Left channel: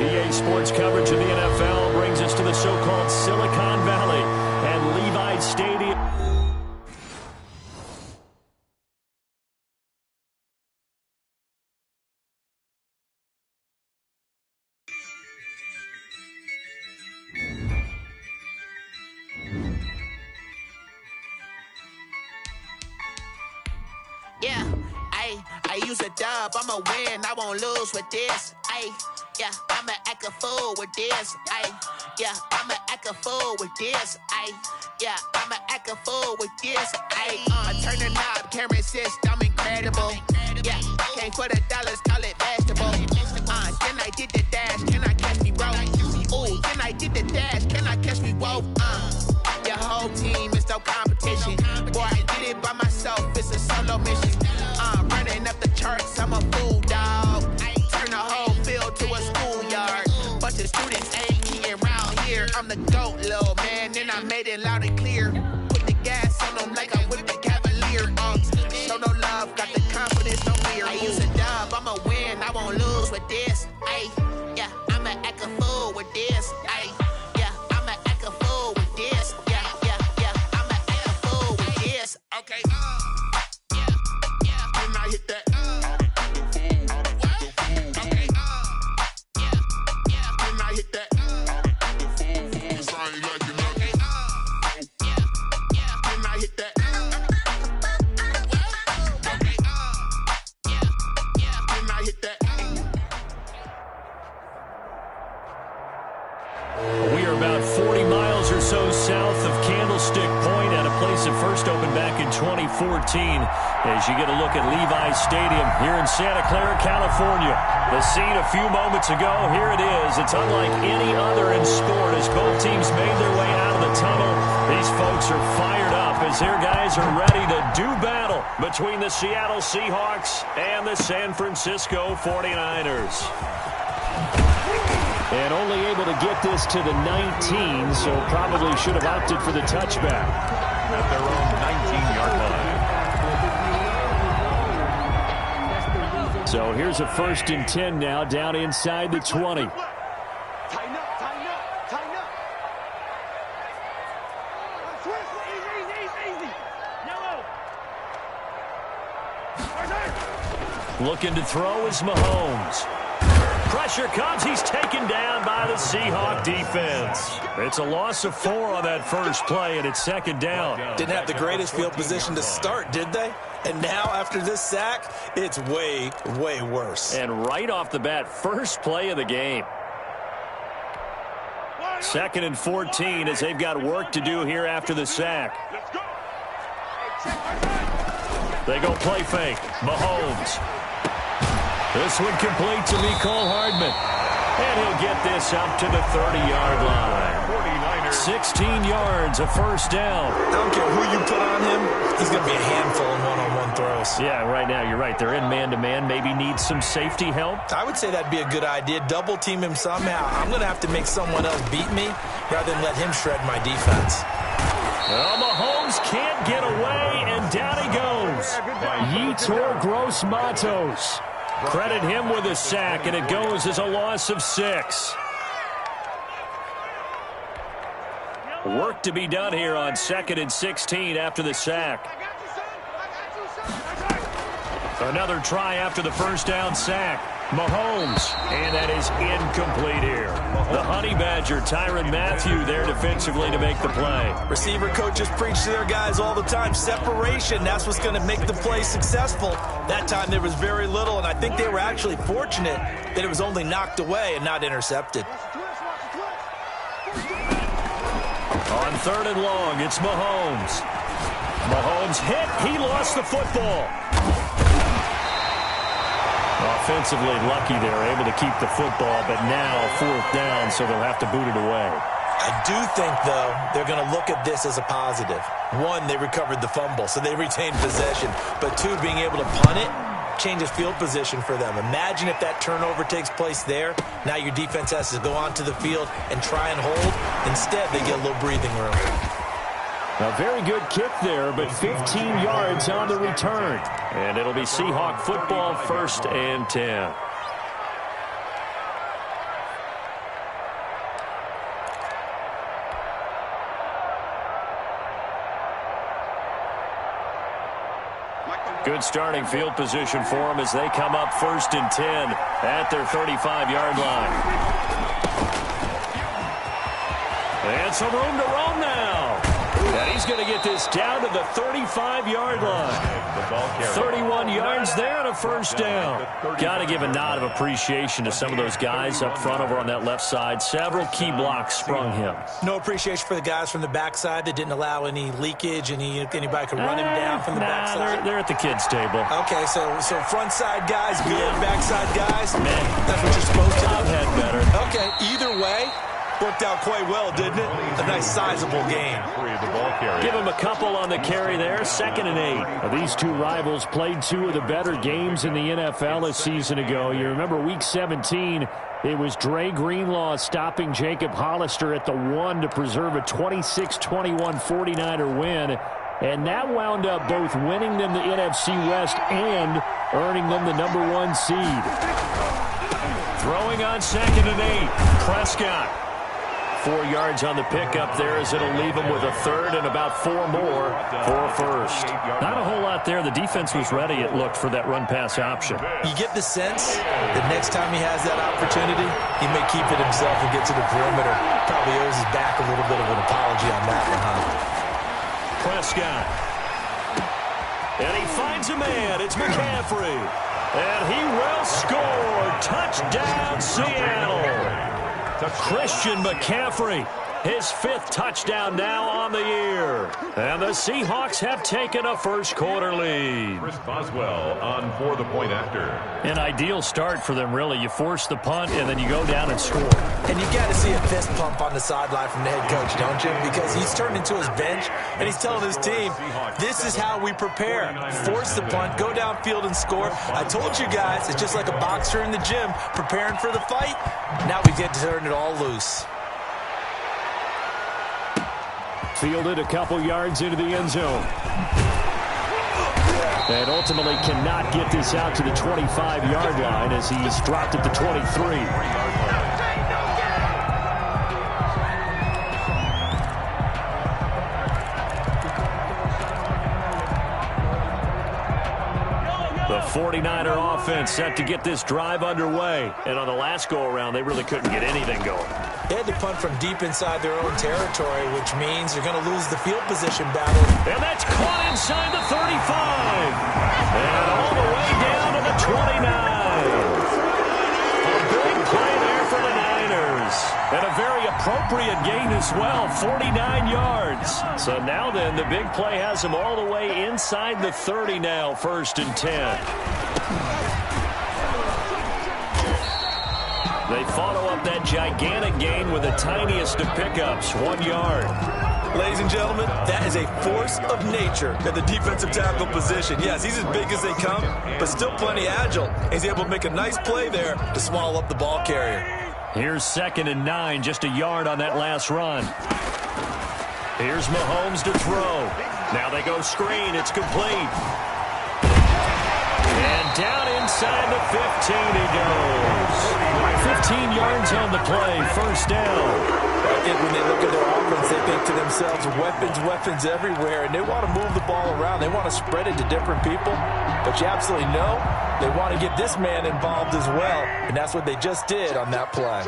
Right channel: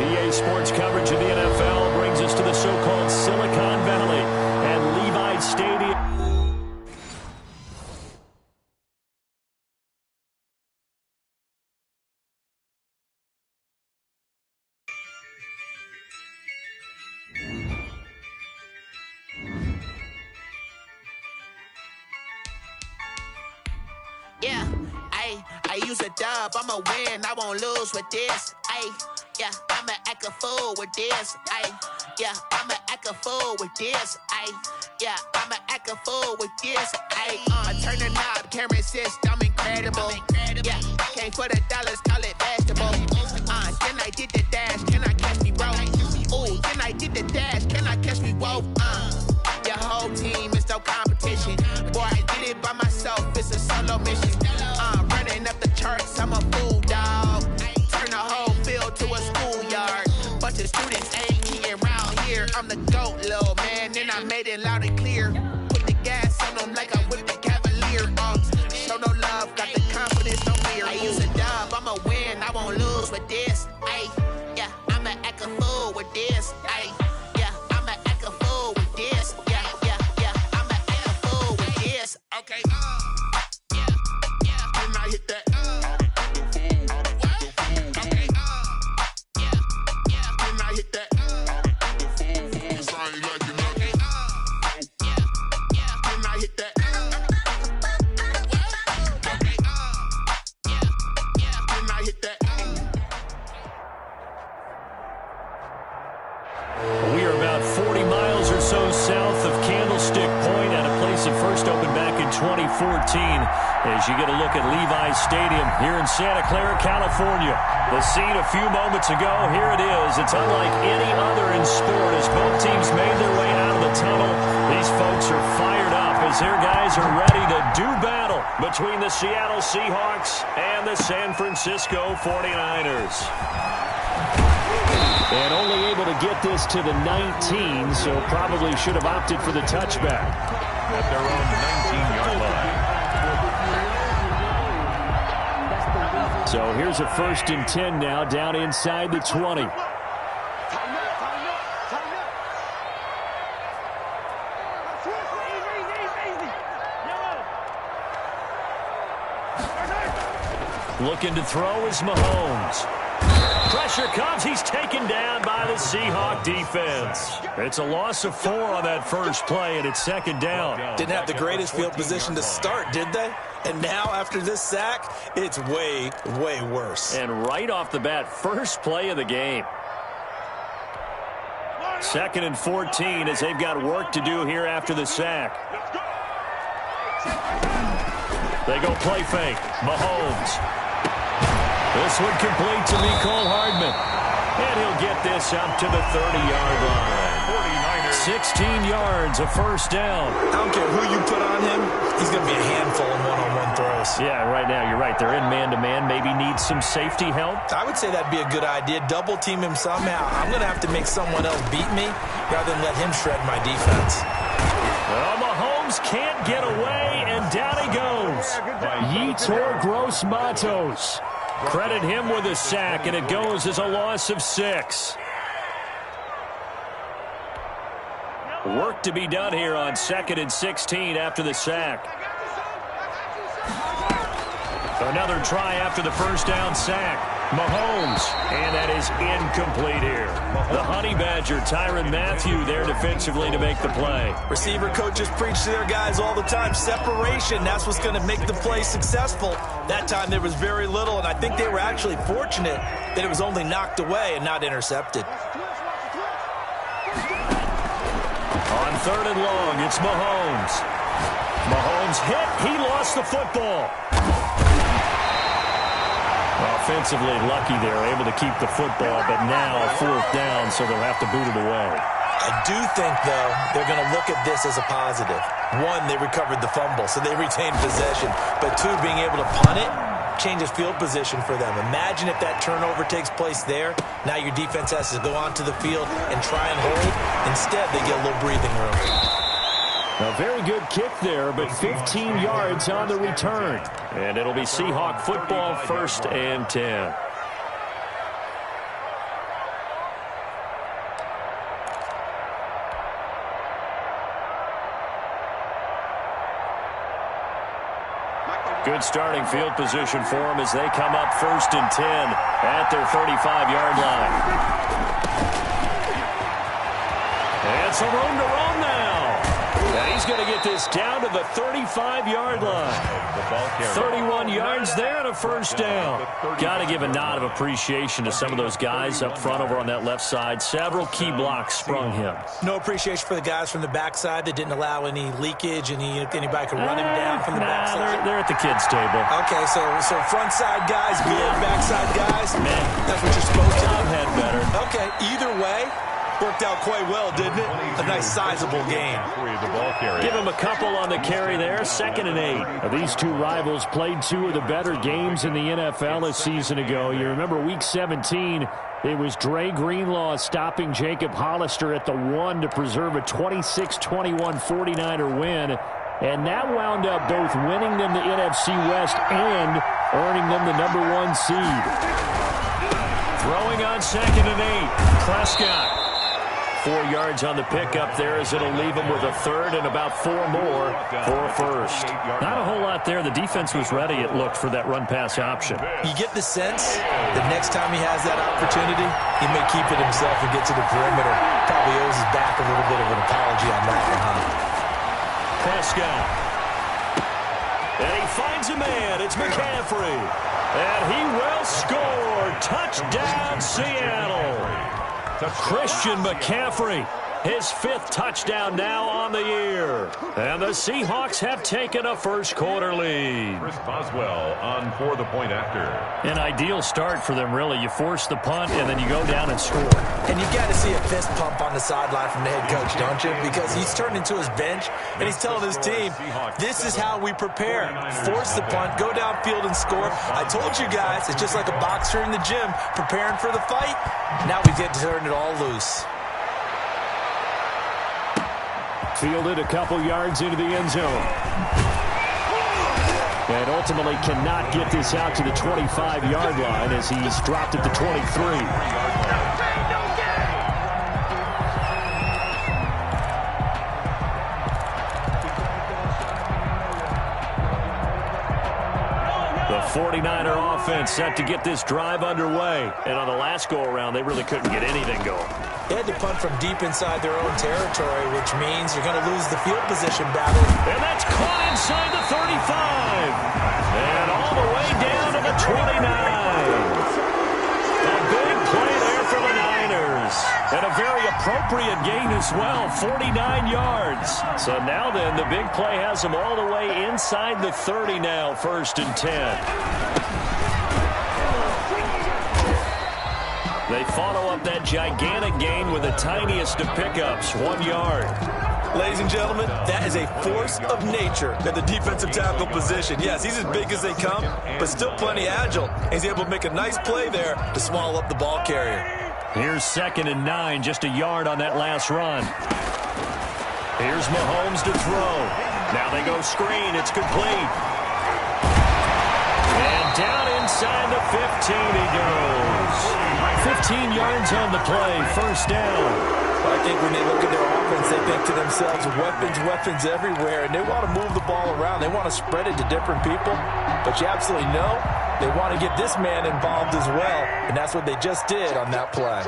EA Sports coverage of the NFL brings us to the so-called Silicon Valley and Levi Stadium. Yeah, I use a dub, I'ma win, I won't lose with this. Yeah, I'ma act a fool with this. Yeah, I'ma act a fool with this. Yeah, I'ma act a fool with this. I turn the knob, camera assist, I'm incredible. Yeah, came for the dollars, call it vegetable. Then I did the dash, can I catch me, bro? Ooh, then I did the dash, can I catch me, whoa? Your whole team is no competition. Boy, I did it by myself, it's a solo mission. Running up the charts, I'm a fool, dog. Turn the whole field to a schoolyard. Bunch of students ain't eating around here. I'm the GOAT, little man, and I made it loud and clear. Put the gas on them like I whipped the Cavalier. Show no love, got the confidence, no fear. I use a dub, I'ma win, I won't lose with this. Yeah, I'ma act a fool with this. Yeah, I'ma act a fool with this. Yeah, I'ma act a fool with this. Okay, yeah, can I hit that? We are about 40 miles or so south of Candlestick Point at a place that first opened back in 2014 as you get a look at Levi Stadium here in Santa Clara, California. The scene a few moments ago, here it is. It's unlike any other in sport as both teams made their way out of the tunnel. These folks are fired up as their guys are ready to do battle between the Seattle Seahawks and the San Francisco 49ers. And only able to get this to the 19, so probably should have opted for the touchback. At their own 19-yard line. So here's a 1st and 10 now, down inside the 20. Tighten up, tighten up, tighten up. Twist, easy. Yellow. Looking to throw is Mahomes. Pressure comes. He's taken down by the Seahawk defense. It's a loss of 4 on that first play, and it's 2nd down. Didn't have the greatest field position to start, did they? And now, after this sack, it's way, way worse. And right off the bat, first play of the game. 2nd and 14 as they've got work to do here after the sack. They go play fake. Mahomes. This one complete to Mecole Hardman. And he'll get this up to the 30-yard line. 16 yards, a 1st down. I don't care who you put on him. He's going to be a handful in one-on-one throws. Yeah, right now you're right. They're in man-to-man. Maybe need some safety help. I would say that'd be a good idea. Double team him somehow. I'm going to have to make someone else beat me rather than let him shred my defense. Well, Mahomes can't get away, and down he goes. Yetur Gross-Matos. Credit him with a sack, and it goes as a loss of 6. Work to be done here on 2nd and 16 after the sack. Another try after the 1st down sack. Mahomes, and that is incomplete here. The Honey Badger, Tyrann Mathieu, there defensively to make the play. Receiver coaches preach to their guys all the time. Separation, that's what's going to make the play successful. That time there was very little, and I think they were actually fortunate that it was only knocked away and not intercepted. On 3rd and long, it's Mahomes. Mahomes hit. He lost the football. Offensively lucky they're able to keep the football, but now 4th down, so they'll have to boot it away. I do think, though, they're going to look at this as a positive. 1, they recovered the fumble, so they retained possession. But 2, being able to punt it changes field position for them. Imagine if that turnover takes place there. Now your defense has to go onto the field and try and hold. Instead, they get a little breathing room. A very good kick there, but 15 yards on the return. And it'll be Seahawk football, 1st and 10. Good starting field position for them as they come up 1st and 10 at their 35-yard line. And some room to roam now. And he's going to get this down to the 35-yard line. 31 yards there and a first down. Got to give a nod of appreciation to some of those guys up front over on that left side. Several key blocks sprung him. No appreciation for the guys from the backside that didn't allow any leakage, anybody could run him down from the backside. They're at the kids' table. Okay, so front side guys good, backside guys, man, that's what you're supposed to do. I've had better. Okay, either way, worked out quite well, didn't it? A nice sizable gain. Give him a couple on the carry there. 2nd and 8. These two rivals played two of the better games in the NFL a season ago. You remember Week 17, it was Dre Greenlaw stopping Jacob Hollister at the 1 to preserve a 26-21 49er win. And that wound up both winning them the NFC West and earning them the #1 seed. Throwing on 2nd and 8. Prescott. 4 yards on the pickup there as it'll leave him with a 3rd and about 4 more for a first. Not a whole lot there. The defense was ready, it looked, for that run-pass option. You get the sense that next time he has that opportunity, he may keep it himself and get to the perimeter. Probably owes his back a little bit of an apology on that one, huh? Prescott. And he finds a man. It's McCaffrey. And he will score. Touchdown, Seattle. Christian McCaffrey, his 5th touchdown now on the year. And the Seahawks have taken a first-quarter lead. Chris Boswell on for the point after. An ideal start for them, really. You force the punt, and then you go down and score. And you got to see a fist pump on the sideline from the head coach, don't you? Because he's turned into his bench, and he's telling his team, this is how we prepare. Force the punt, go downfield and score. I told you guys, it's just like a boxer in the gym preparing for the fight. Now we get to turn it all loose. Fielded a couple yards into the end zone. And ultimately cannot get this out to the 25-yard line as he's dropped at the 23. The 49er offense set to get this drive underway. And on the last go-around, they really couldn't get anything going. They had to punt from deep inside their own territory, which means you're going to lose the field position battle. And that's caught inside the 35. And all the way down to the 29. A big play there for the Niners. And a very appropriate gain as well, 49 yards. So now then, the big play has them all the way inside the 30 now, 1st and 10. They follow up that gigantic gain with the tiniest of pickups, 1 yard. Ladies and gentlemen, that is a force of nature at the defensive tackle position. Yes, he's as big as they come, but still plenty agile. He's able to make a nice play there to swallow up the ball carrier. Here's 2nd and 9, just a yard on that last run. Here's Mahomes to throw. Now they go screen. It's complete. And down inside the 15 he goes. 15 yards on the play, 1st down. I think when they look at their offense, they think to themselves, weapons everywhere, and they want to move the ball around. They want to spread it to different people, but you absolutely know they want to get this man involved as well, and that's what they just did on that play.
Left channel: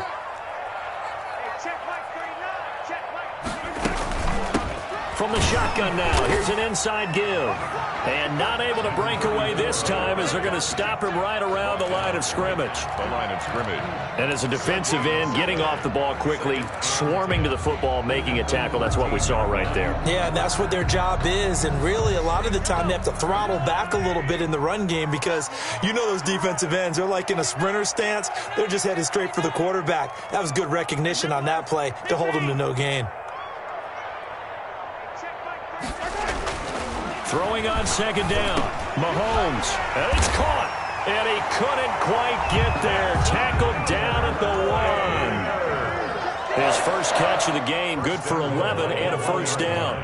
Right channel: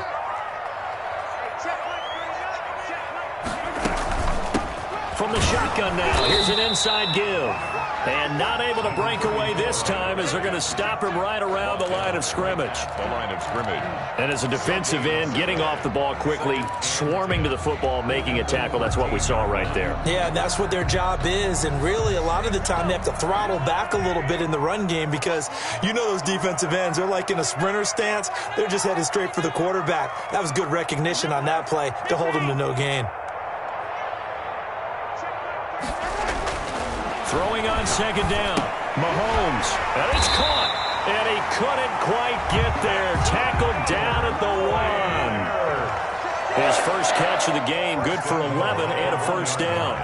From the shotgun now, here's an inside give. And not able to break away this time as they're going to stop him right around the line of scrimmage. The line of scrimmage. And as a defensive end, getting off the ball quickly, swarming to the football, making a tackle. That's what we saw right there. Yeah, and that's what their job is. And really, a lot of the time, they have to throttle back a little bit in the run game because you know those defensive ends, they're like in a sprinter stance. They're just headed straight for the quarterback. That was good recognition on that play to hold him to no gain. Throwing on 2nd down. Mahomes. And it's caught. And he couldn't quite get there. Tackled down at the 1. His first catch of the game. Good for 11 and a first down.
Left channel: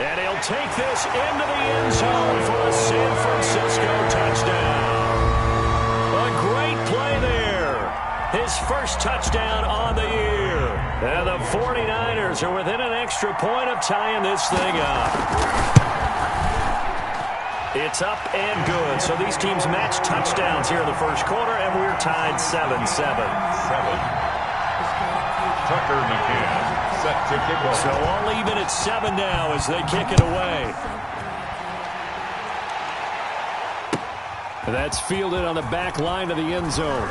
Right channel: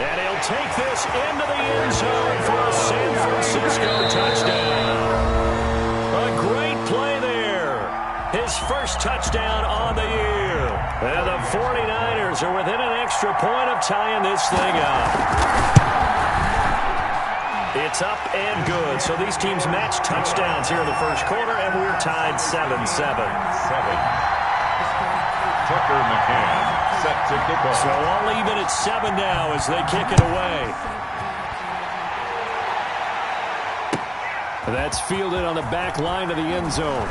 And he'll take this into the end zone for a San Francisco touchdown. A great play there. His first touchdown on the year. And the 49ers are within an extra point of tying this thing up. It's up and good. So these teams match touchdowns here in the first quarter, and we're tied 7-7. Tucker McCann set to kick off. So all even at 7 now as they kick it away. That's fielded on the back line of the end zone.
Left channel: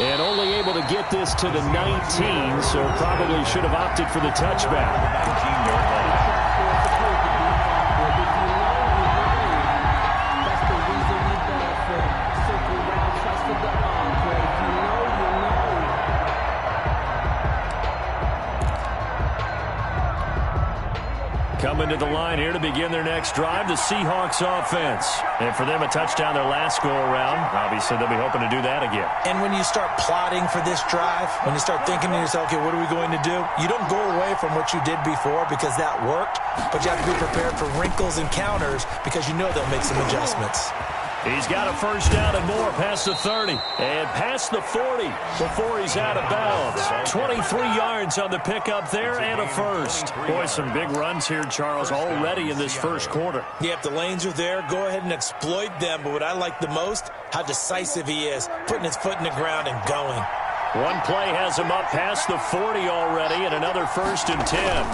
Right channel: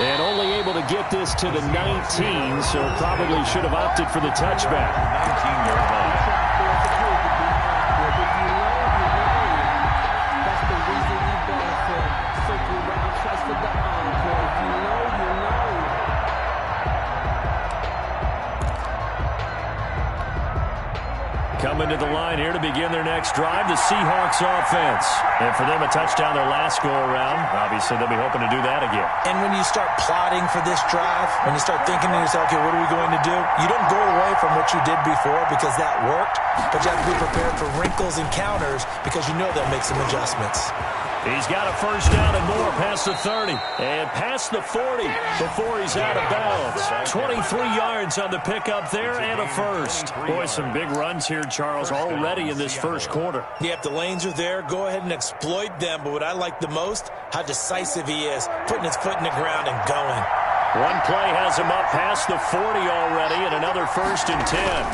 And only able to get this to the 19, so probably should have opted for the touchback. 19-yard line. That's the reason we ball for. Circle round twice for the encore. If you know, you know. Coming to the line here to begin their next drive, the Seahawks offense. And for them, a touchdown their last go-around. Obviously, they'll be hoping to do that again. And when you start plotting for this drive, when you start thinking to yourself, okay, what are we going to do? You don't go away from what you did before because that worked, but you have to be prepared for wrinkles and counters because you know they'll make some adjustments. He's got a first down and more past the 30 and past the 40 before he's out of bounds. 23 yards on the pickup there and a first. Boy, some big runs here, Charles, already in this first quarter. Yeah, if the lanes are there, go ahead and exploit them. But what I like the most, how decisive he is, putting his foot in the ground and going. One play has him up past the 40 already, and another 1st and 10.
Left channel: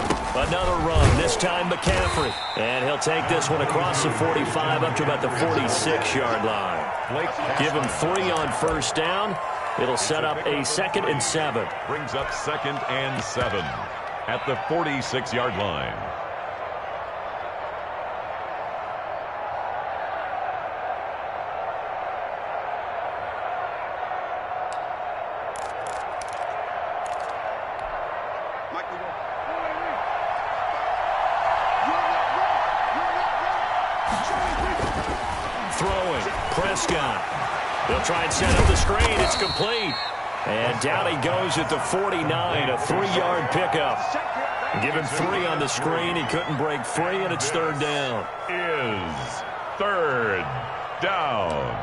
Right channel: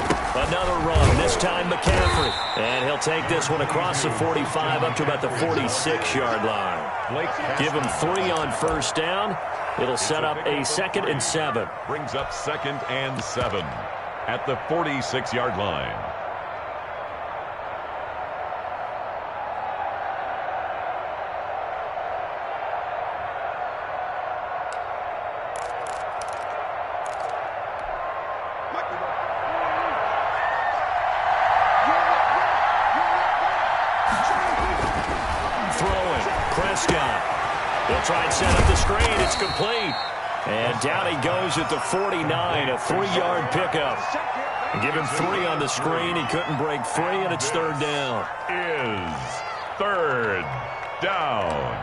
Another run, this time McCaffrey. And he'll take this one across the 45 up to about the 46-yard line. Give him 3 on first down. It'll set up a 2nd and 7. Brings up 2nd and 7 at the 46-yard line. Throwing, Prescott. They'll try and set up the screen. It's complete. And down he goes at the 49, a 3-yard pickup. Give him 3 on the screen. He couldn't break free, and it's 3rd down. Is 3rd down.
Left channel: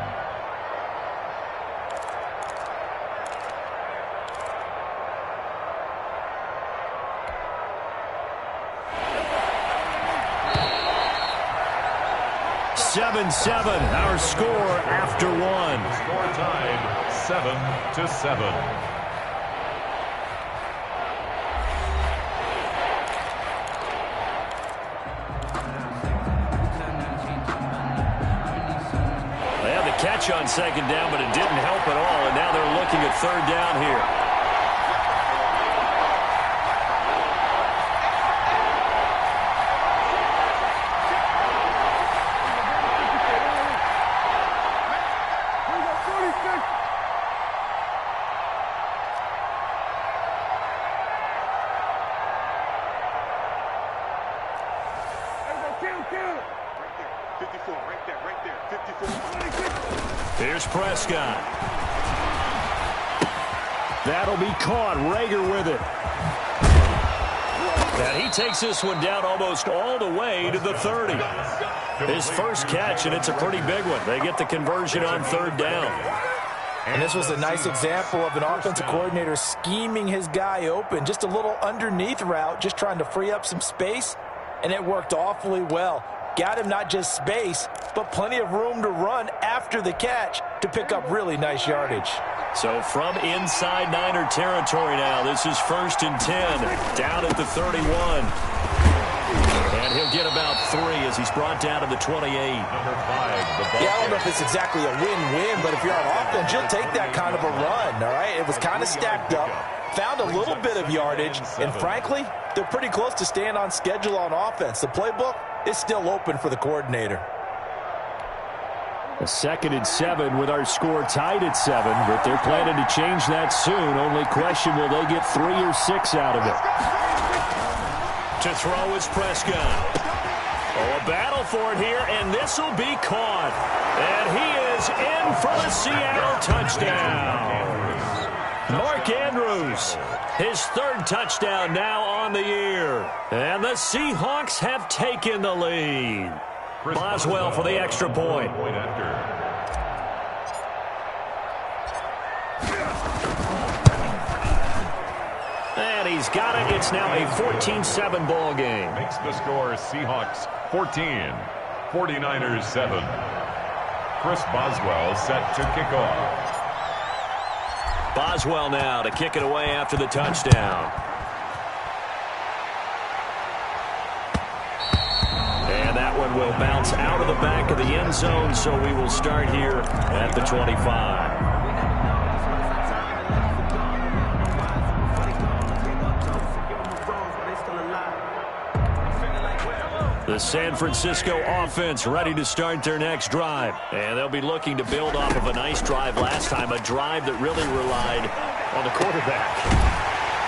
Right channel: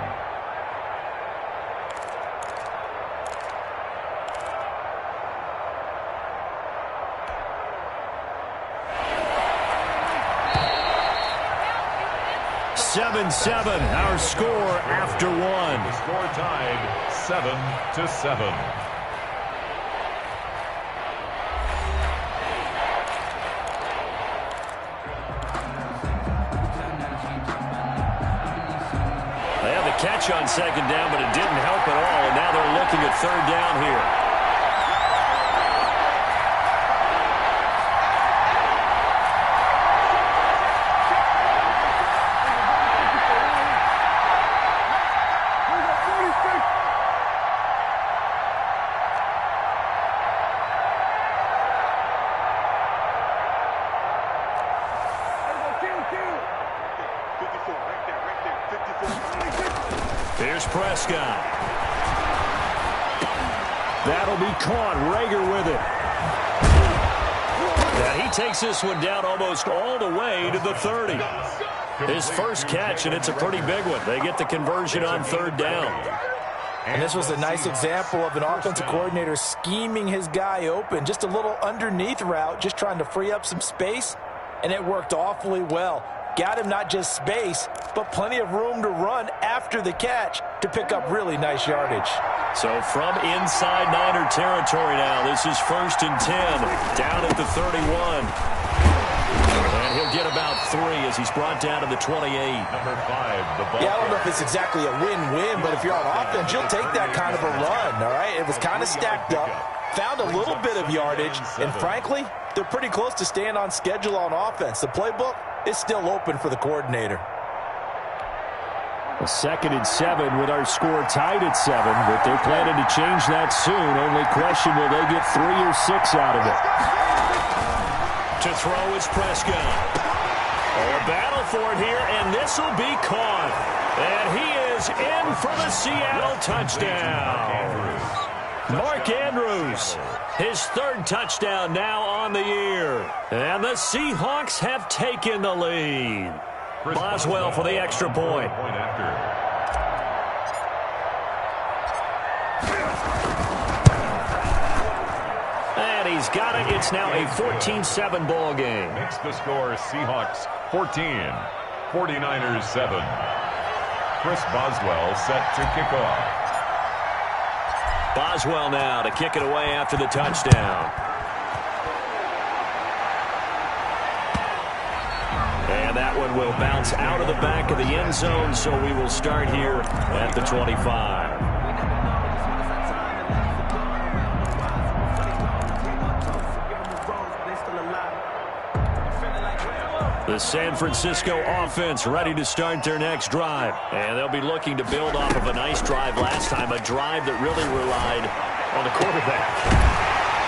Seven, our score after 1. The score tied 7-7. They had the catch on 2nd down, but it didn't help at all, and now they're looking at 3rd down here. Here's Prescott. That'll be caught. Rager with it. And he takes this one down almost all the way to the 30. His first catch, and it's a pretty big one. They get the conversion on 3rd down. And this was a nice example of an offensive coordinator scheming his guy open. Just a little underneath route, just trying to free up some space, and it worked awfully well. Got him not just space, but plenty of room to run after the catch to pick up really nice yardage. So from inside Niner territory now, this is 1st and 10, down at the 31. And he'll get about 3 as he's brought down to the 28. Number 5, the ball. Yeah, I don't know if it's exactly a win-win, but if you're on offense, you'll take that kind of a run, all right? It was kind of stacked up, found a little bit of yardage, and frankly, they're pretty close to staying on schedule on offense. The playbook is still open for the coordinator. A 2nd and 7 with our score tied at 7, but they're planning to change that soon. Only question, will they get 3 or 6 out of it? To throw is Prescott. Oh, a battle for it here, and this will be caught. And he is in for the Seattle touchdown. Mark Andrews, his 3rd touchdown now on the year. And the Seahawks have taken the lead. Boswell for the extra point. And He's got it. It's now a 14-7 ball game. Makes the score Seahawks 14, 49ers 7. Chris Boswell set to kick off. Boswell now to kick it away after the touchdown. And that one will bounce out of the back of the end zone, so we will start here at the 25. The San Francisco offense ready to start their next drive. And they'll be looking to build off of a nice drive last time, a drive that really relied on the quarterback.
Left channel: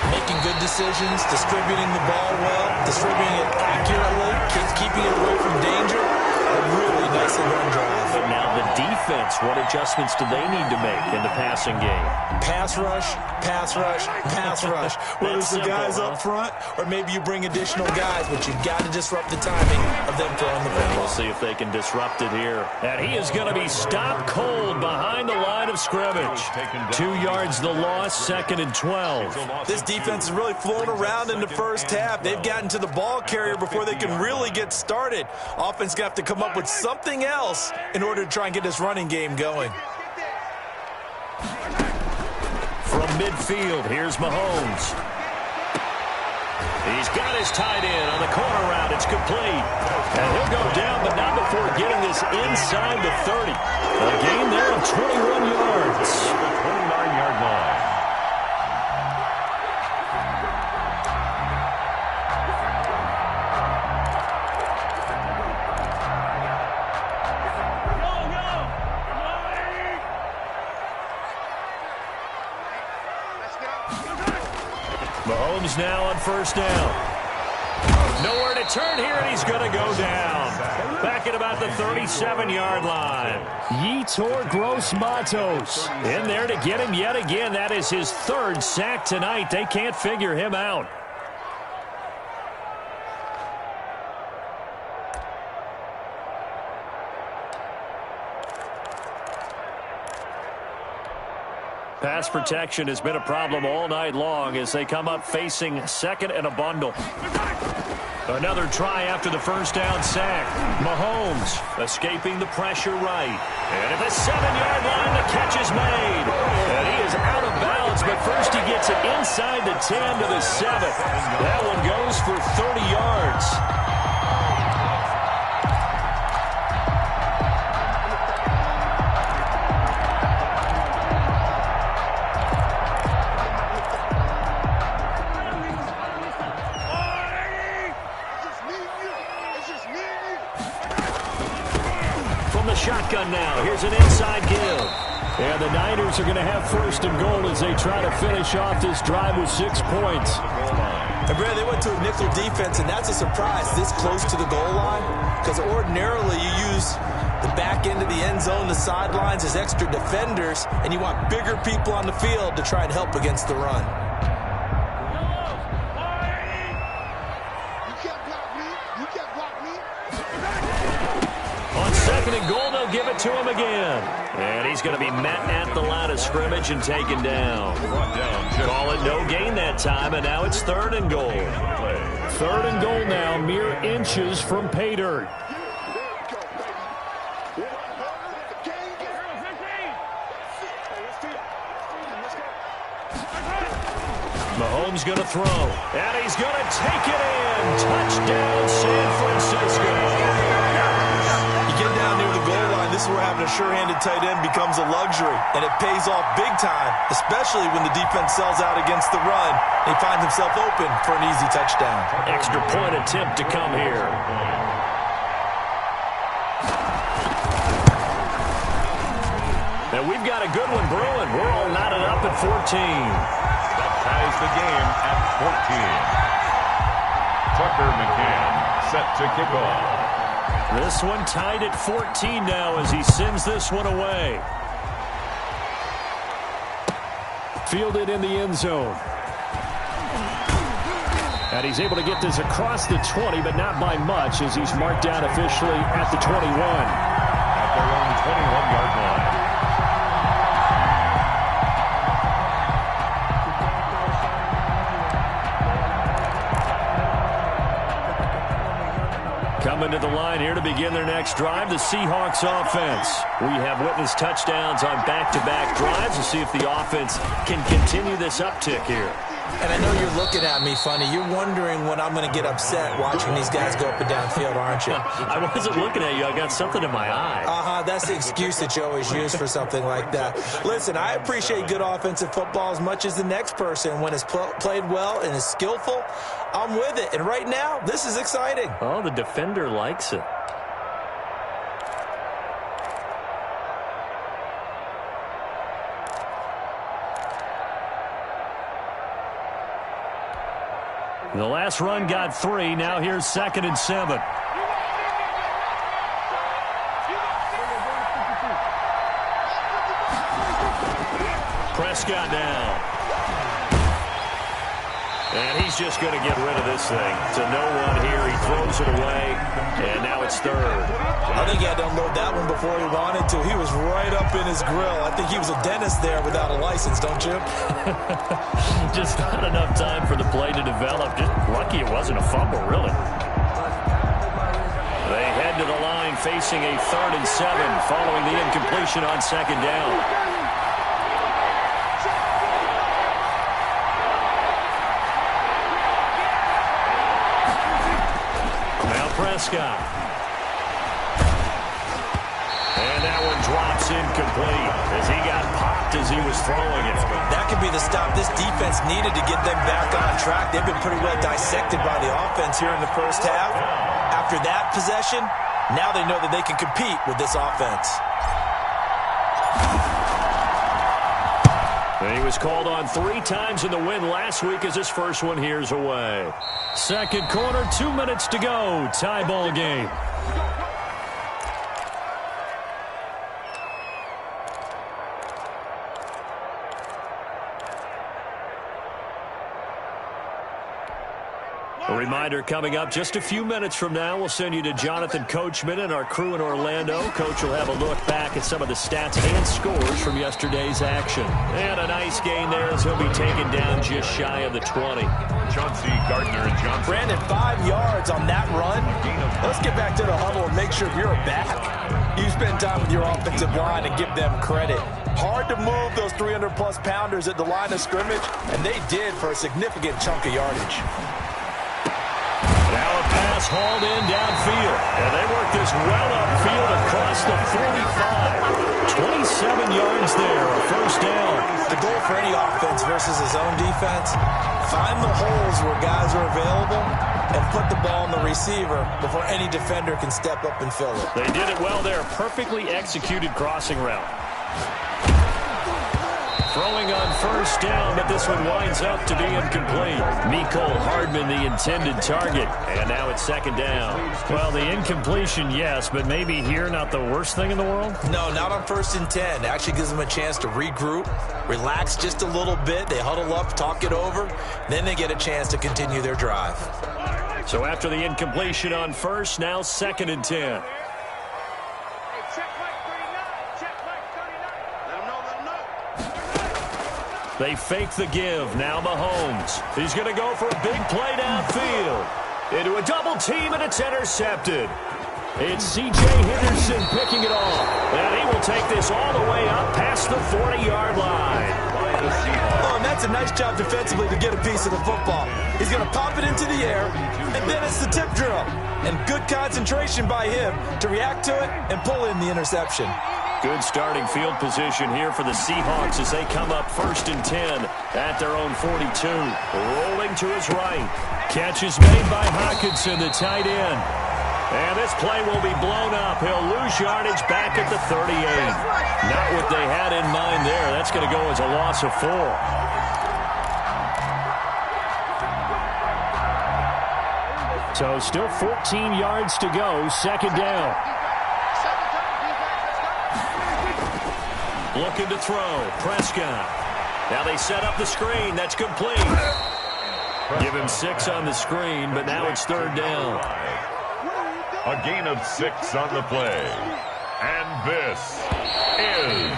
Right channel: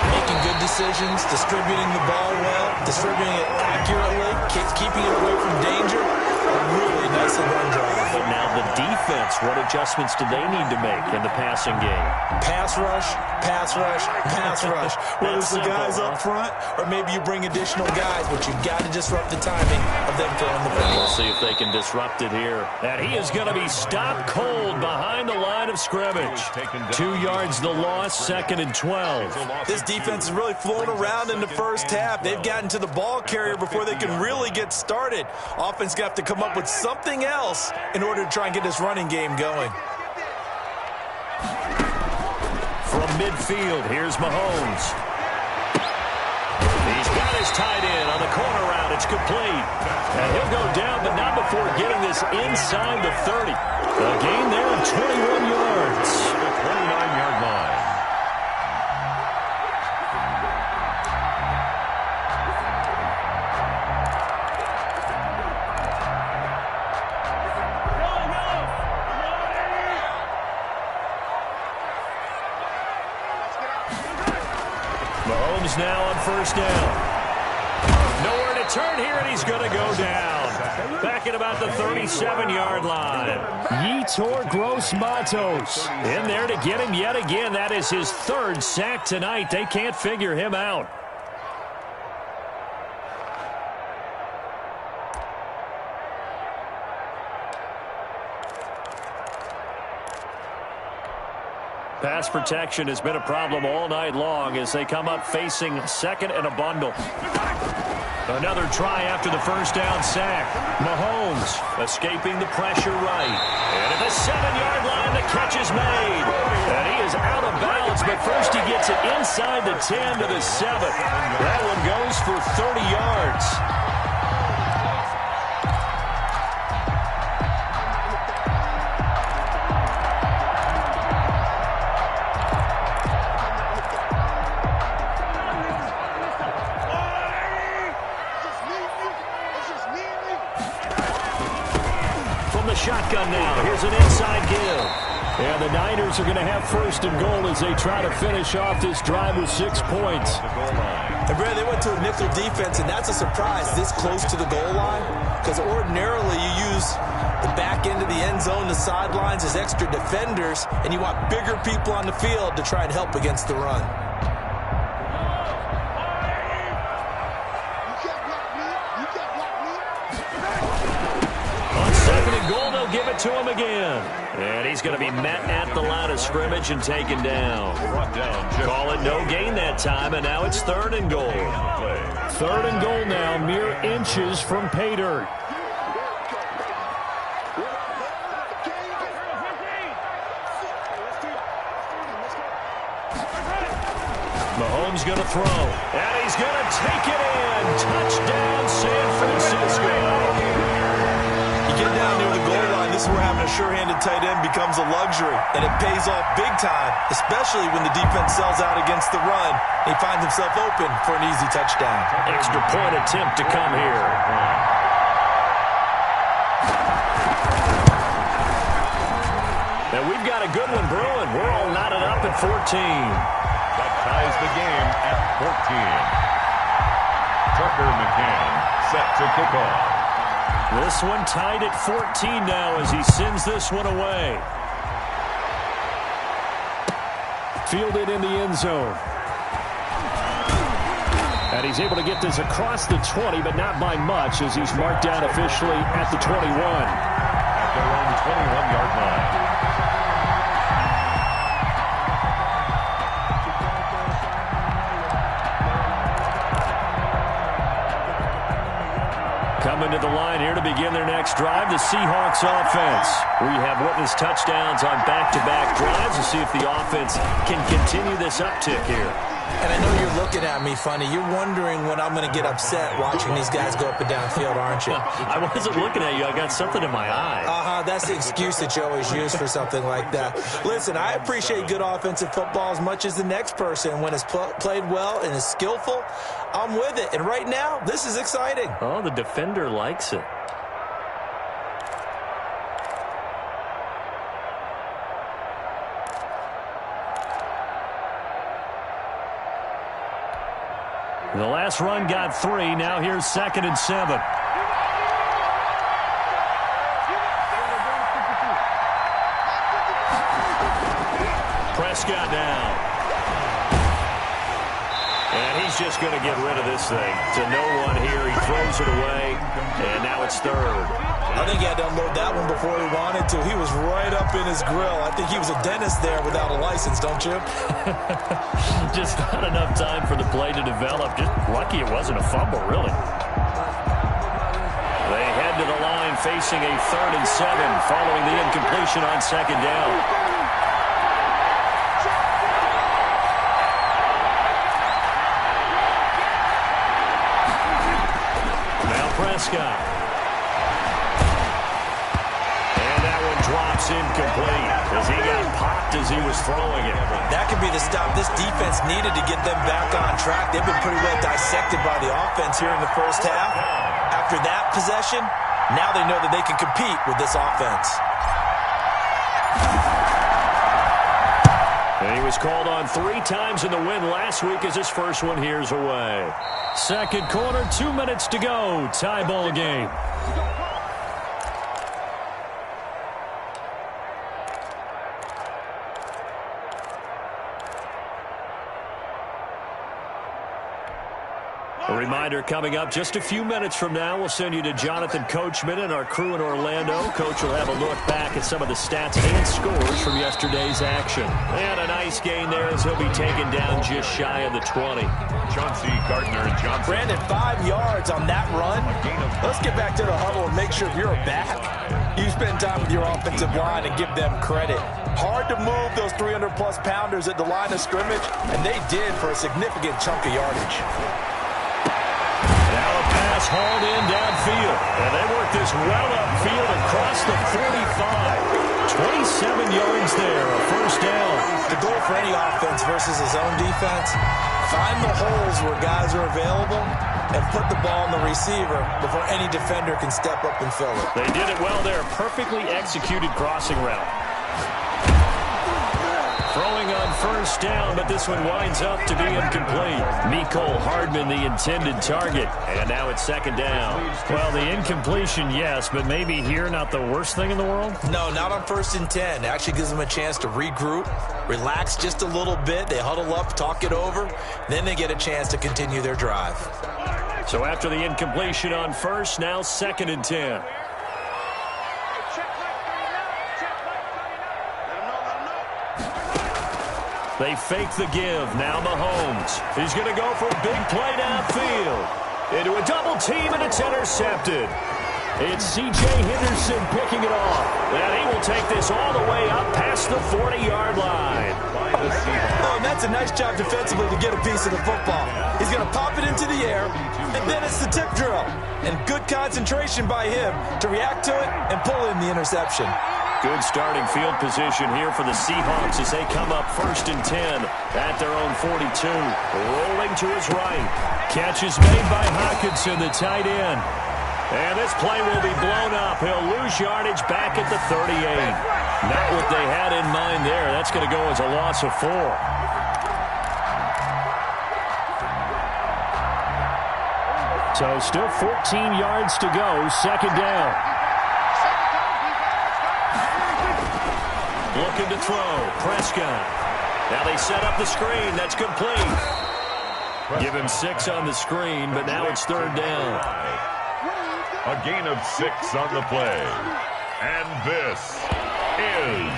Making good decisions, distributing the ball well, distributing it accurately, keeping it away from danger. A really nicely run drive. But now the defense, what adjustments do they need to make in the passing game? Pass rush, pass rush, pass rush. Whether it's the guys up front or maybe you bring additional guys, but you've got to disrupt the timing of them throwing the football. We'll see if they can disrupt it here. And he is going to be stopped cold behind the line of scrimmage. 2 yards the loss, 2nd and 12. This defense is really flown around in the first half. They've gotten to the ball carrier before they can really get started. Offense got to come up with something else in order to try and get this running game going. From midfield, here's Mahomes. He's got his tight end on the corner route. It's complete. And he'll go down, but not before getting this inside the 30. A gain there of 21 yards. The 29-yard line. Mahomes now on first down. Nowhere to turn here, and he's going to go down. Back at about the 37-yard line. Yetur Gross-Matos in there to get him yet again. That is his 3rd sack tonight. They can't figure him out. Pass protection has been a problem all night long as they come up facing 2nd and a bundle. Another try after the first down sack. Mahomes escaping the pressure right. And at the 7-yard line, the catch is made. And he is out of bounds, but first he gets it inside the 10 to the 7. That one goes for 30 yards. Shotgun now. Here's an inside give. And the Niners are going to have 1st and goal as they try to finish off this drive with 6 points. And Brad, they went to a nickel defense, and that's a surprise this close to the goal line, because ordinarily you use the back end of the end zone, the sidelines as extra defenders, and you want bigger people on the field to try and help against the run. Goal, they'll give it to him again. And he's going to be met at the line of scrimmage and taken down. Call it no gain that time, and now it's 3rd and goal. 3rd and goal now, mere inches from pay dirt. Mahomes going to throw, and he's going to take it in. Touchdown, San Francisco. Get down near the goal line, this is where having a sure-handed tight end becomes a luxury, and it pays off big time, especially when the defense sells out against the run. He finds himself open for an easy touchdown. Extra point attempt to come here. And we've got a good one brewing. We're all knotted up at 14. That ties the game at 14. Tucker McCann set to kick off. This one tied at 14 now as he sends this one away. Fielded in the end zone. And he's able to get this across the 20, but not by much as he's marked down officially at the 21. At their own 21-yard line. Coming to the line here to begin their next drive, the Seahawks offense. We have witnessed touchdowns on back-to-back drives to see if the offense can continue this uptick here. And I know you're looking at me funny. You're wondering when I'm going to get upset watching these guys go up and down field, aren't you? I wasn't looking at you. I got something in my eye. That's the excuse that you always use for something like that. Listen, I appreciate good offensive football as much as the next person. When it's played well and is skillful, I'm with it. And right now, this is exciting. Oh, the defender likes it. The last run got 3. Now here's 2nd and 7. Prescott now. And he's just going to get rid of this thing. To no one here. He throws it away. And now it's 3rd. I think he had to unload that one before he wanted to. He was right up in his grill. I think he was a dentist there without a license, don't you? Just not enough time for the play to develop. Just lucky it wasn't a fumble, really. They head to the line facing a 3rd and 7 following the incompletion on 2nd down. Prescott. And that one drops incomplete as he got popped as he was throwing it. That could be the stop this defense needed to get them back on track. They've been pretty well dissected by the offense here in the first half. After that possession, now they know that they can compete with this offense. And he was called on 3 times in the win last week as his first one here's away. Second quarter, 2 minutes to go. Tie ball game. A reminder coming up just a few minutes from now. We'll send you to Jonathan Coachman and our crew in Orlando. Coach will have a look back at some of the stats and scores from yesterday's action. And a nice gain there as he'll be taken down just shy of the 20. Chauncey Gardner-Johnson. Brandon, 5 yards on that run. Let's get back to the huddle and make sure you're back. You spend time with your offensive line and give them credit. Hard to move those 300-plus pounders at the line of scrimmage, and they did for a significant chunk of yardage. Now a pass hauled in downfield. And they work this well upfield across the 45. 27 yards there, a first down. The goal for any offense versus a zone defense, find the holes where guys are available and put the ball on the receiver before any defender can step up and fill it. They did it well there. Perfectly executed crossing route. Throwing on first down, but this one winds up to be incomplete. Mecole Hardman, the intended target. And now it's 2nd down. Well, the incompletion, yes, but maybe here not the worst thing in the world? No, not on 1st and 10. It actually gives them a chance to regroup, relax just a little bit. They huddle up, talk it over. Then they get a chance to continue their drive. So after the incompletion on first, now 2nd and 10. They fake the give. Now Mahomes. He's going to go for a big play downfield. Into a double team, and it's intercepted. It's C.J. Henderson picking it off. And he will take this all the way up past the 40-yard line. Oh, and that's a nice job defensively to get a piece of the football. He's going to pop it into the air, and then it's the tip drill. And good concentration by him to react to it and pull in the interception. Good starting field position here for the Seahawks as they come up 1st and 10 at their own 42. Rolling to his right. Catch is made by Hockenson, the tight end. And this play will be blown up. He'll lose yardage back at the 38. Not what they had in mind there. That's going to go as a loss of 4. So still 14 yards to go. 2nd down. Looking to throw. Prescott. Now they set up the screen. That's complete. Give him 6 on the screen, but now it's 3rd down. A gain of 6 on the play. And this is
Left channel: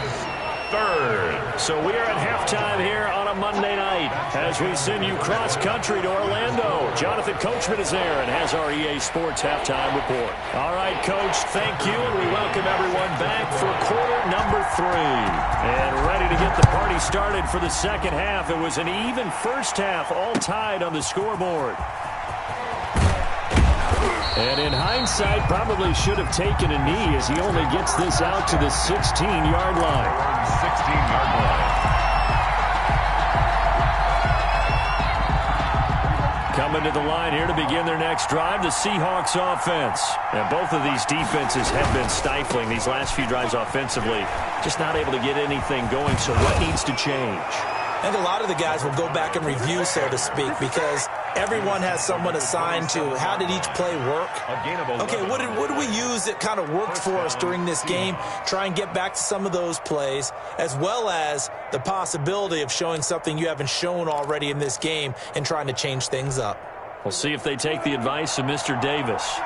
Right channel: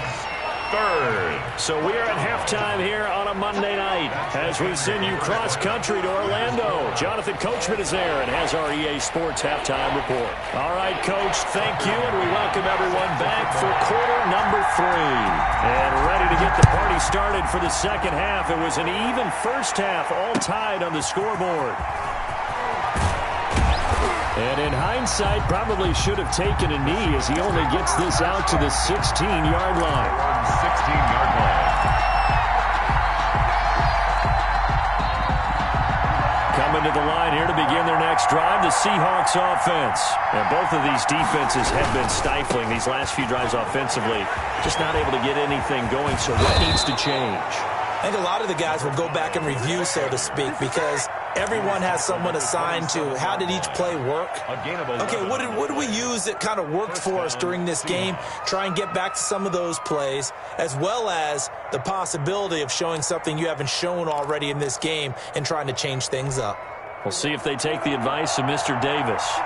third. So we are at halftime here on a Monday night as we send you cross-country to Orlando. Jonathan Coachman is there and has our EA Sports halftime report. All right, Coach, thank you, and we welcome everyone back for quarter number 3. And ready to get the party started for the second half. It was an even first half, all tied on the scoreboard. And in hindsight, probably should have taken a knee as he only gets this out to the 16-yard line. 16-yard line. Coming to the line here to begin their next drive, the Seahawks offense. And both of these defenses have been stifling these last few drives offensively. Just not able to get anything going, so what needs to change? I think a lot of the guys will go back and review, so to speak, because everyone has someone assigned to how did each play work. Okay, what did we use that kind of worked for us during this game? Try and get back to some of those plays, as well as the possibility of showing something you haven't shown already in this game and trying to change things up. We'll see if they take the advice of Mr. Davis.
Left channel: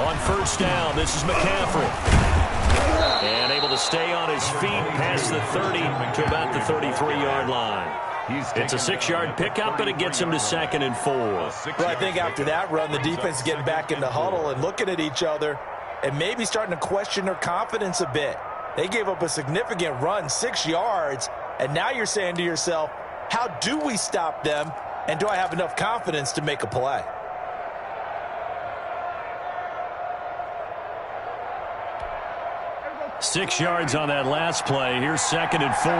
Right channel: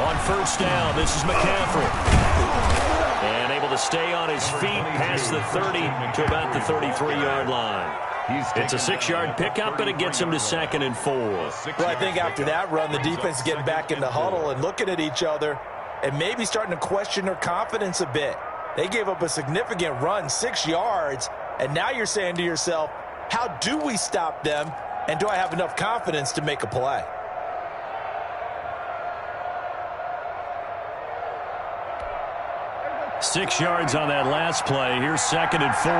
On first down, this is McCaffrey. And able to stay on his feet past the 30 to about the 33-yard line. It's a 6-yard pickup, but it gets him to 2nd and 4. Well, I think after that run, the defense is getting back in the huddle and looking at each other and maybe starting to question their confidence a bit. They gave up a significant run, 6 yards, and now you're saying to yourself, how do we stop them, and do I have enough confidence to make a play? Six yards on that last play. Here's 2nd and 4.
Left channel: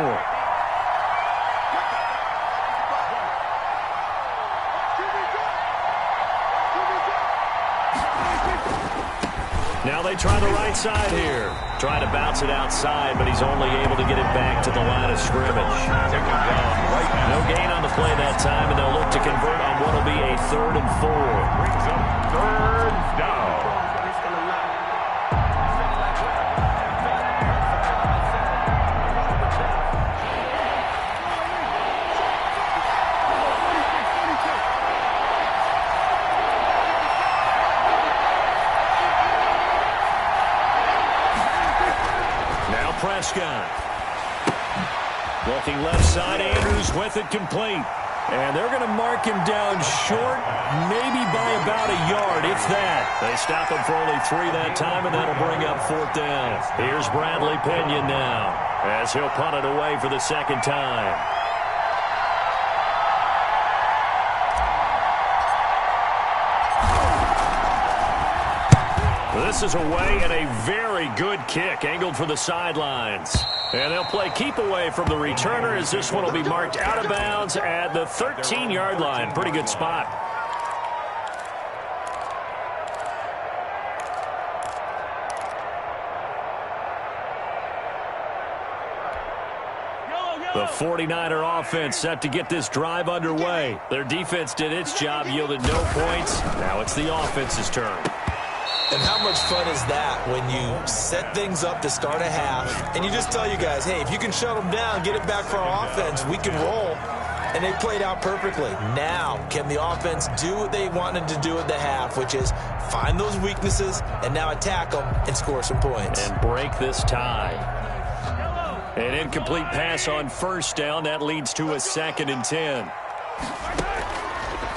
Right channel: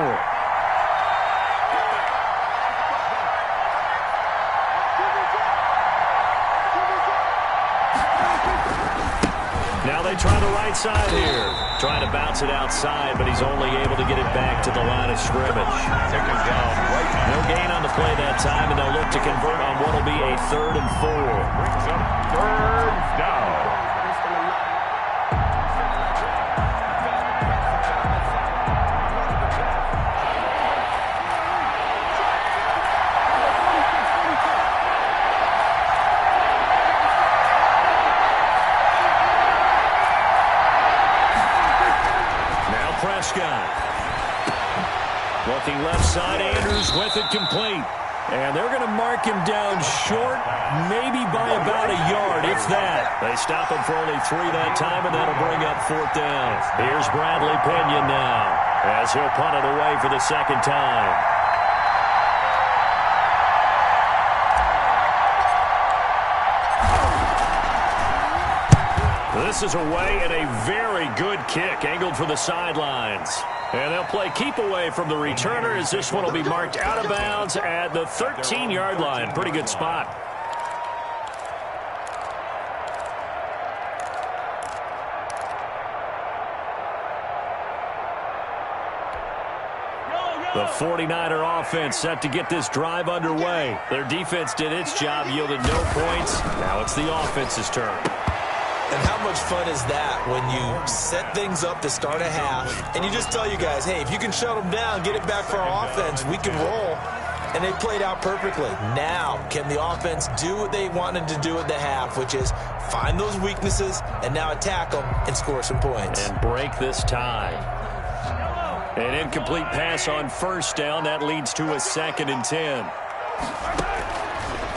Now they try the right side here. Trying to bounce it outside, but he's only able to get it back to the line of scrimmage. Taken down right. No gain on the play that time, and they'll look to convert on what will be a 3rd and 4. Brings up 3rd down. Prescott. Looking left side, Andrews with it complete. And they're going to mark him down short, maybe by about a yard, if that. They stop him for only 3 that time, and that'll bring up 4th down. Here's Bradley Pinion now, as he'll punt it away for the 2nd time. This is away, and a very good kick angled for the sidelines. And they'll play keep away from the returner as this one will be marked out of bounds at the 13-yard line. Pretty good spot. The 49er offense set to get this drive underway. Their defense did its job, yielded no points. Now it's the offense's turn. And how much fun is that when you set things up to start a half and you just tell you guys, hey, if you can shut them down, get it back for our offense, we can roll. And they played out perfectly. Now, can the offense do what they wanted to do at the half, which is find those weaknesses and now attack them and score some points. And break this tie. An incomplete pass on first down. That leads to a 2nd and 10.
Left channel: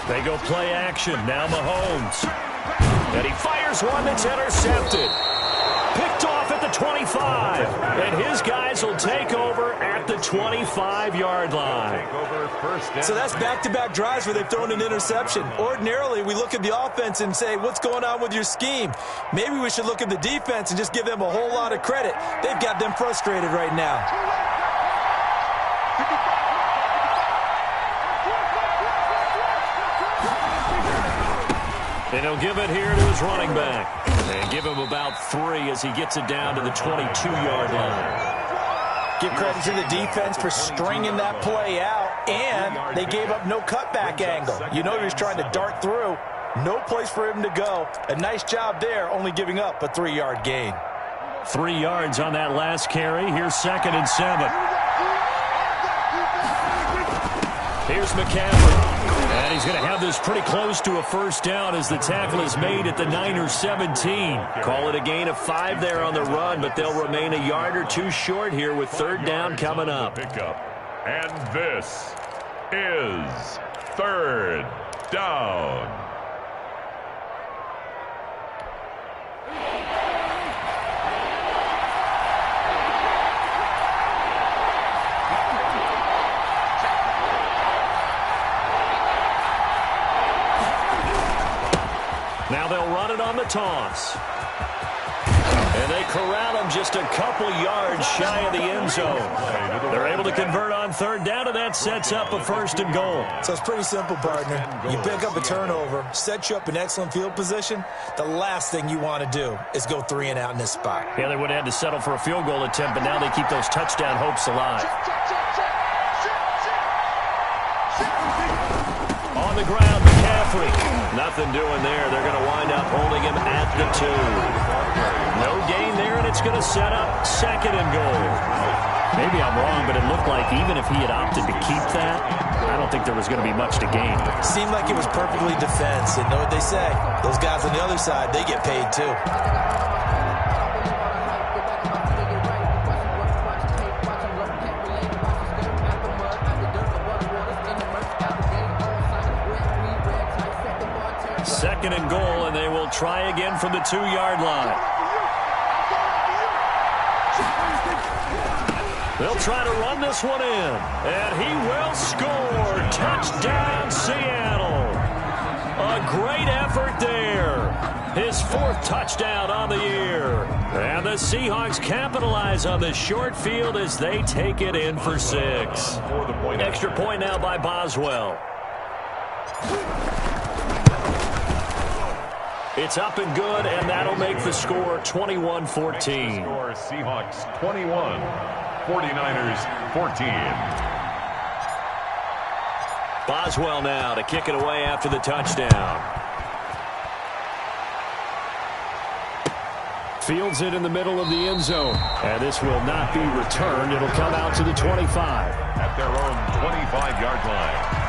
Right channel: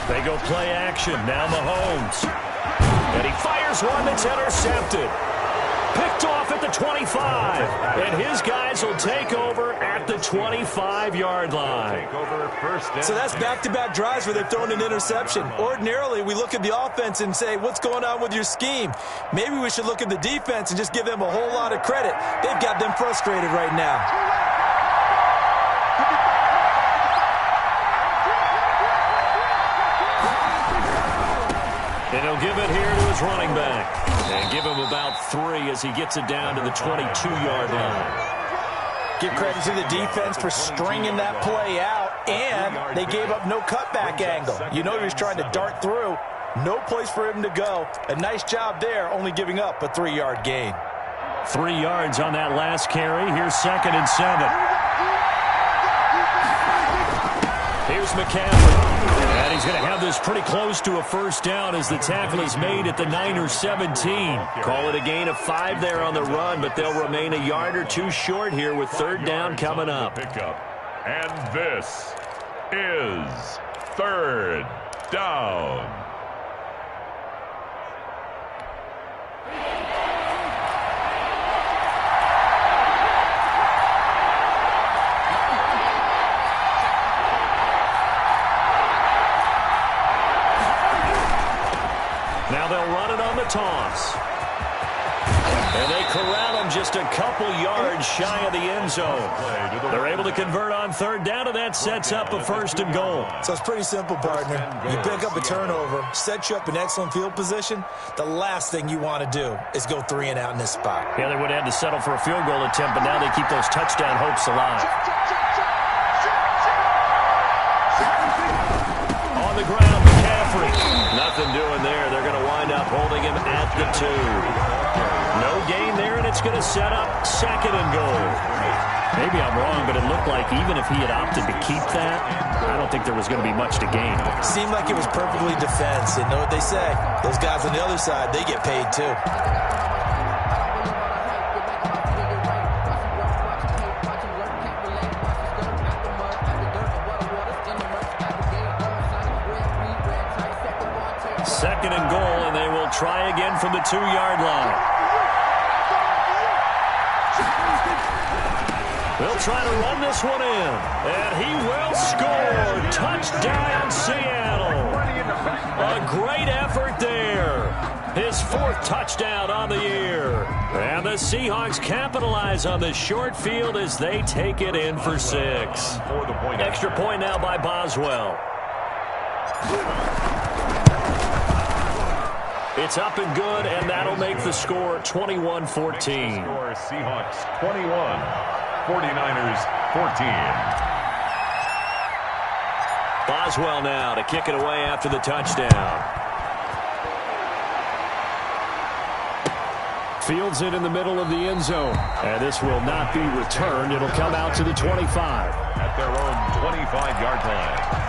They go play action. Now Mahomes. And he fires one that's intercepted. Picked off at the 25. And his guys will take over at the 25-yard line. So that's back-to-back drives where they've thrown an interception. Ordinarily, we look at the offense and say, what's going on with your scheme? Maybe we should look at the defense and just give them a whole lot of credit. They've got them frustrated right now. And he'll give it here to his running back. And give him about 3 as he gets it down to the 22-yard line. Give credit to the defense for stringing that play out, and they gave up no cutback angle. You know he was trying to dart through. No place for him to go. A nice job there, only giving up a 3-yard gain. 3 yards on that last carry. Here's 2nd and 7. Here's McCaffrey. And he's going to have this pretty close to a first down as the tackle is made at the Niners 17. Call it a gain of 5 there on the run, but they'll remain a yard or two short here with third down coming up. And this is third down. Now they'll run it on the toss. And they corral him just a couple yards shy of the end zone. They're able to convert on third down, and that sets up a first and goal. So it's pretty simple, partner. You pick up a turnover, set you up in excellent field position. The last thing you want to do is go 3 and out in this spot. Yeah, they would have had to settle for a field goal attempt, but now they keep those touchdown hopes alive. On the ground, McCaffrey. Nothing doing there. They're going to wind up holding him at the 2. No gain there, and it's going to set up second and goal. Maybe I'm wrong, but it looked like even if he had opted to keep that, I don't think there was going to be much to gain. Seemed like it was perfectly defense. And know what they say? Those guys on the other side, they get paid too. Second and goal, and they will try again from the 2-yard line. They'll try to run this one in, and he will score. Touchdown, Seattle. A great effort there. His 4th touchdown on the year. And the Seahawks capitalize on the short field as they take it in for 6. Extra point now by Boswell. It's up and good, and that'll make the score 21-14. Score Seahawks 21, 49ers 14. Boswell now to kick it away after the touchdown. Fields it in the middle of the end zone. And this will not be returned. It'll come out to the 25. At their own 25-yard line.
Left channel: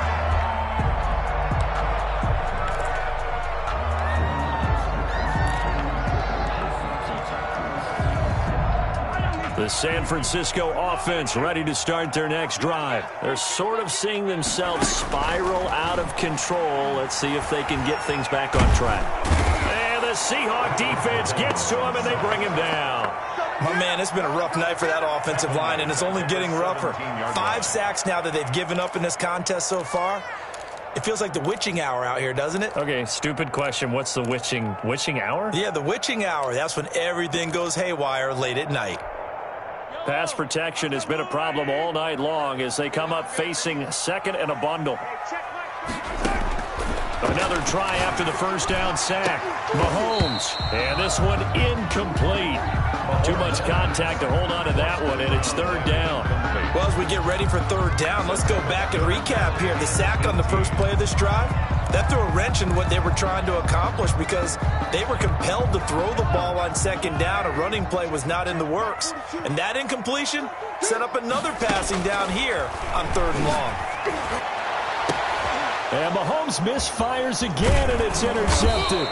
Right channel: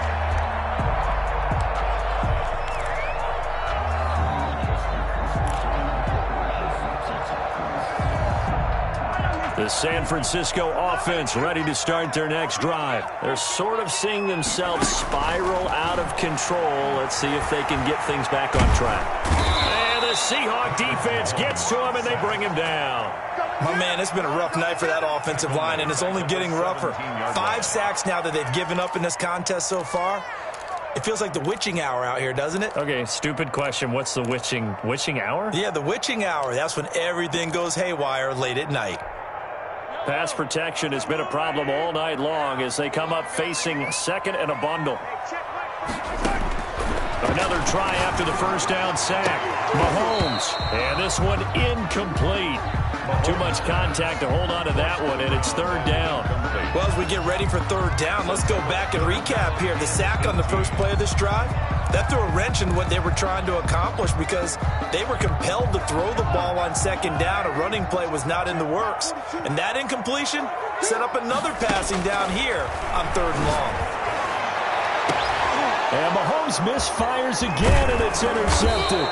The San Francisco offense ready to start their next drive. They're sort of seeing themselves spiral out of control. Let's see if they can get things back on track. And the Seahawk defense gets to him, and they bring him down. My man, it's been a rough night for that offensive line, and it's only getting rougher. 5 sacks now that they've given up in this contest so far. It feels like the witching hour out here, doesn't it? Okay, stupid question. What's the witching hour? Yeah, the witching hour. That's when everything goes haywire late at night. Pass protection has been a problem all night long as they come up facing second and a bundle. Another try after the first down sack. Mahomes, and this one incomplete. Too much contact to hold on to that one, and it's third down. Well, as we get ready for third down, let's go back and recap here. The sack on the first play of this drive, that threw a wrench in what they were trying to accomplish because they were compelled to throw the ball on second down. A running play was not in the works. And that incompletion set up another passing down here on third and long. And Mahomes misfires again, and it's intercepted.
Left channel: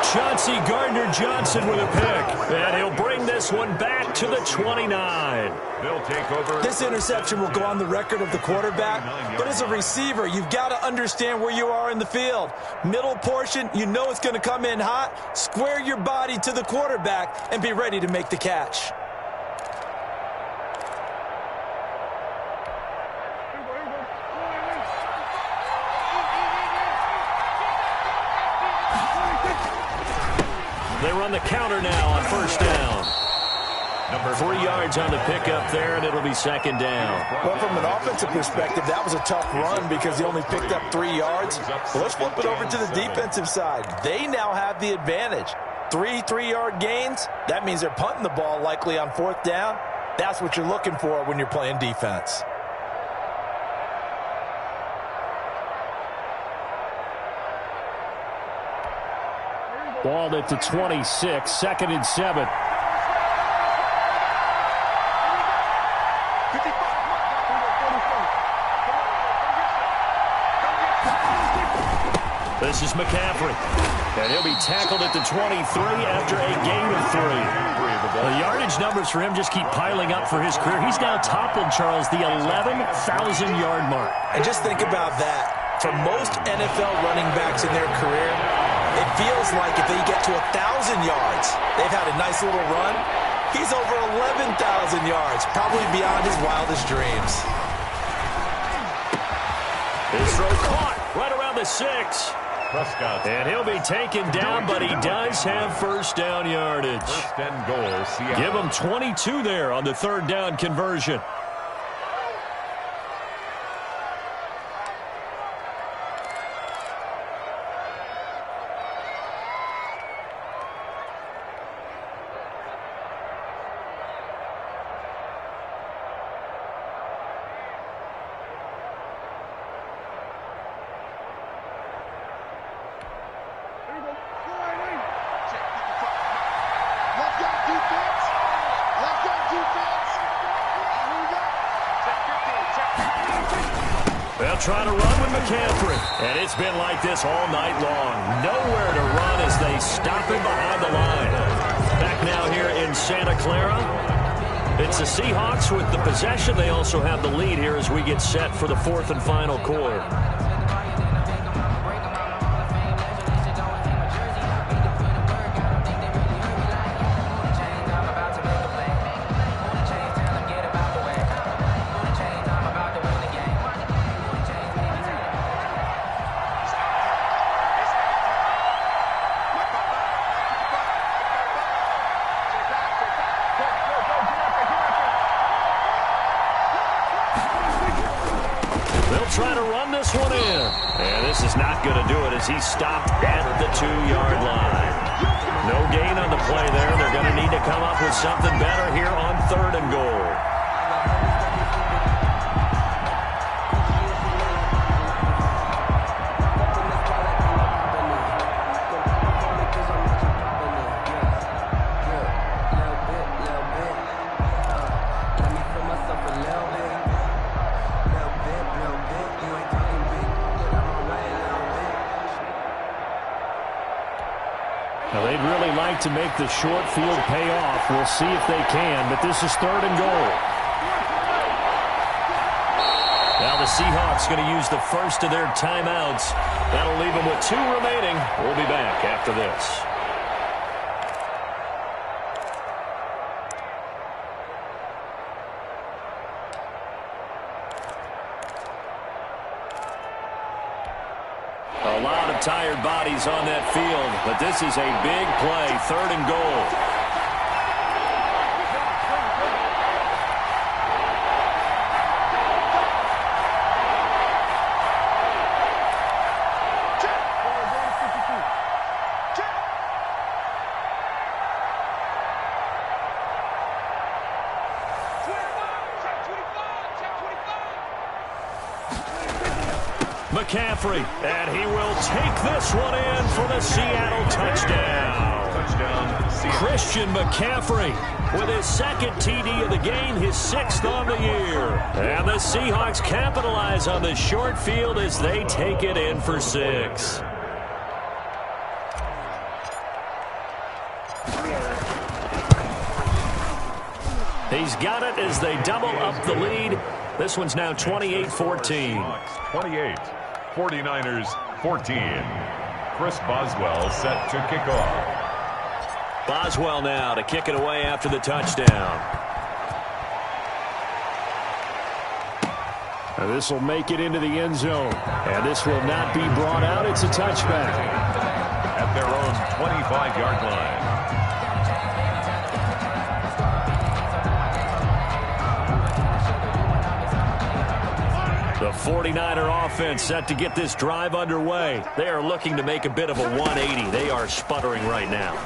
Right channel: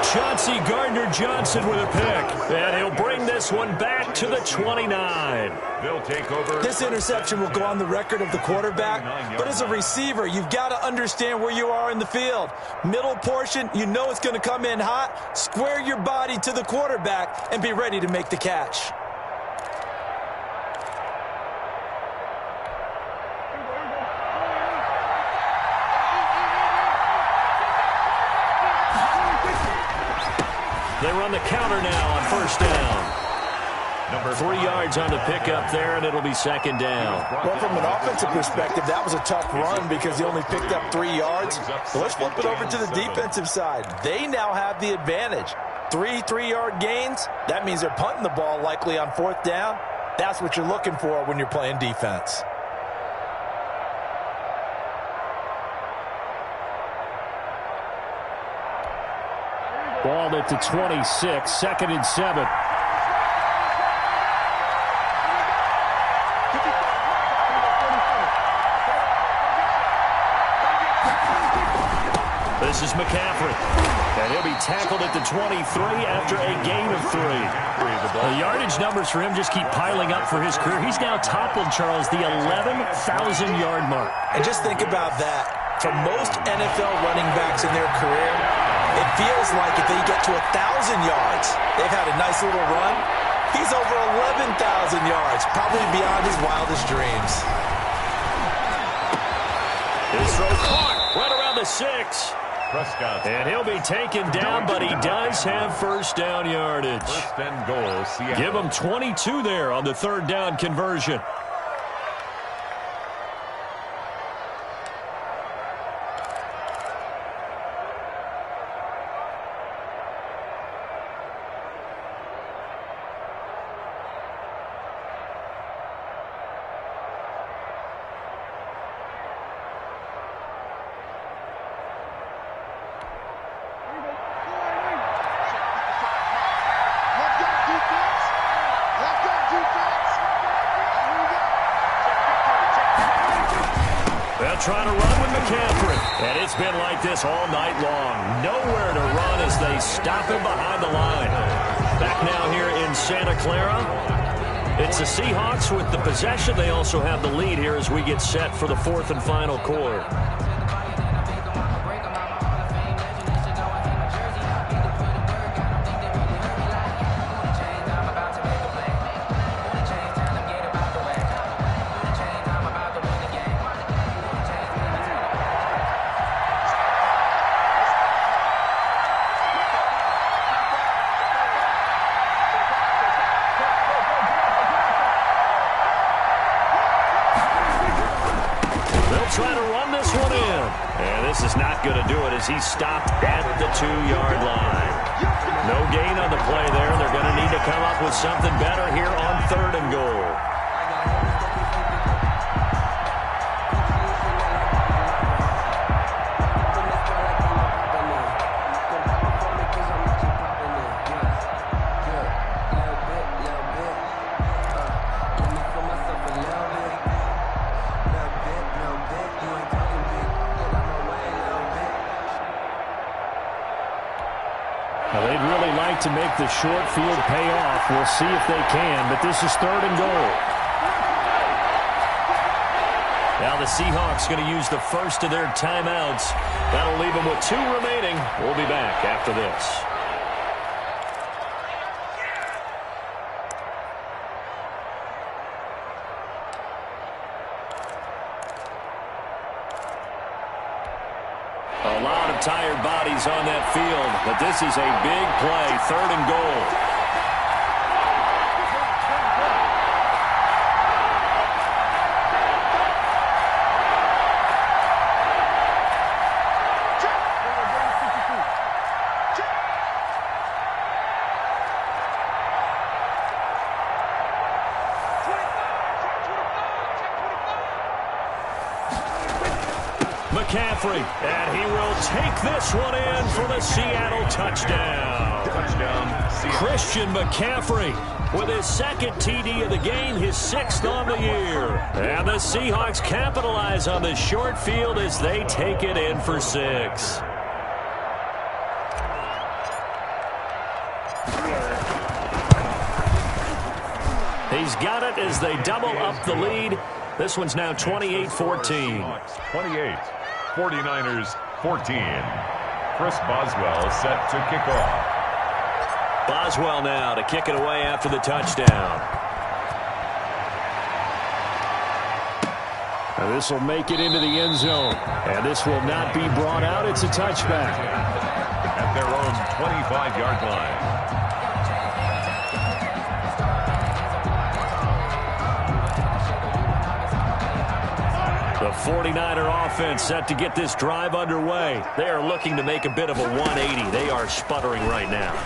Chauncey Gardner-Johnson with a pick. And he'll bring this one back to the 29. They'll take over. This interception will go on the record of the quarterback, but as a receiver, you've got to understand where you are in the field. Middle portion, you know it's going to come in hot. Square your body to the quarterback and be ready to make the catch. They run the counter now on first down. 3 yards on the pickup there, and it'll be second down. Well, from an offensive perspective, that was a tough run because he only picked up 3 yards. But let's flip it over to the defensive side. They now have the advantage. 3 3-yard gains, that means they're punting the ball likely on fourth down. That's what you're looking for when you're playing defense. Ball at the 26, second and 7. This is McCaffrey. And he'll be tackled at the 23 after a gain of 3. The yardage numbers for him just keep piling up for his career. He's now toppled, Charles, the 11,000-yard mark. And just think about that. For most NFL running backs in their career, it feels like if they get to 1,000 yards, they've had a nice little run. He's over 11,000 yards, probably beyond his wildest dreams. His throw caught right around the 6. Prescott. And he'll be taken down, but he does have first down yardage. First and goal, Seattle. Give him 22 there on the third down conversion. They'll try to run with McCaffrey. And it's been like this all night long. Nowhere to run as they stop him behind the line. Back now here in Santa Clara. It's the Seahawks with the possession. They also have the lead here as we get set for the fourth and final quarter. Try to run this one in. And this is not going to do it as he's stopped at the 2-yard line. No gain on the play there. They're going to need to come up with something better here on third and goal. Now, they'd really like to make the short field pay off. We'll see if they can, but this is third and goal. Now the Seahawks going to use the first of their timeouts. That'll leave them with 2 remaining. We'll be back after this. A lot of tired bodies on that field, but this is a big play, third and goal. McCaffrey, and he will take this one in for the Seattle touchdown. Christian McCaffrey with his second TD of the game, his 6th on the year. And the Seahawks capitalize on the short field as they take it in for 6. He's got it as they double up the lead. This one's now 28-14. 28. 49ers 14. Chris Boswell set to kick off. Boswell now to kick it away after the touchdown. Now this will make it into the end zone. And this will not be brought out. It's a touchback. At their own 25-yard line. The 49er offense set to get this drive underway. They are looking to make a bit of a 180. They are sputtering right now.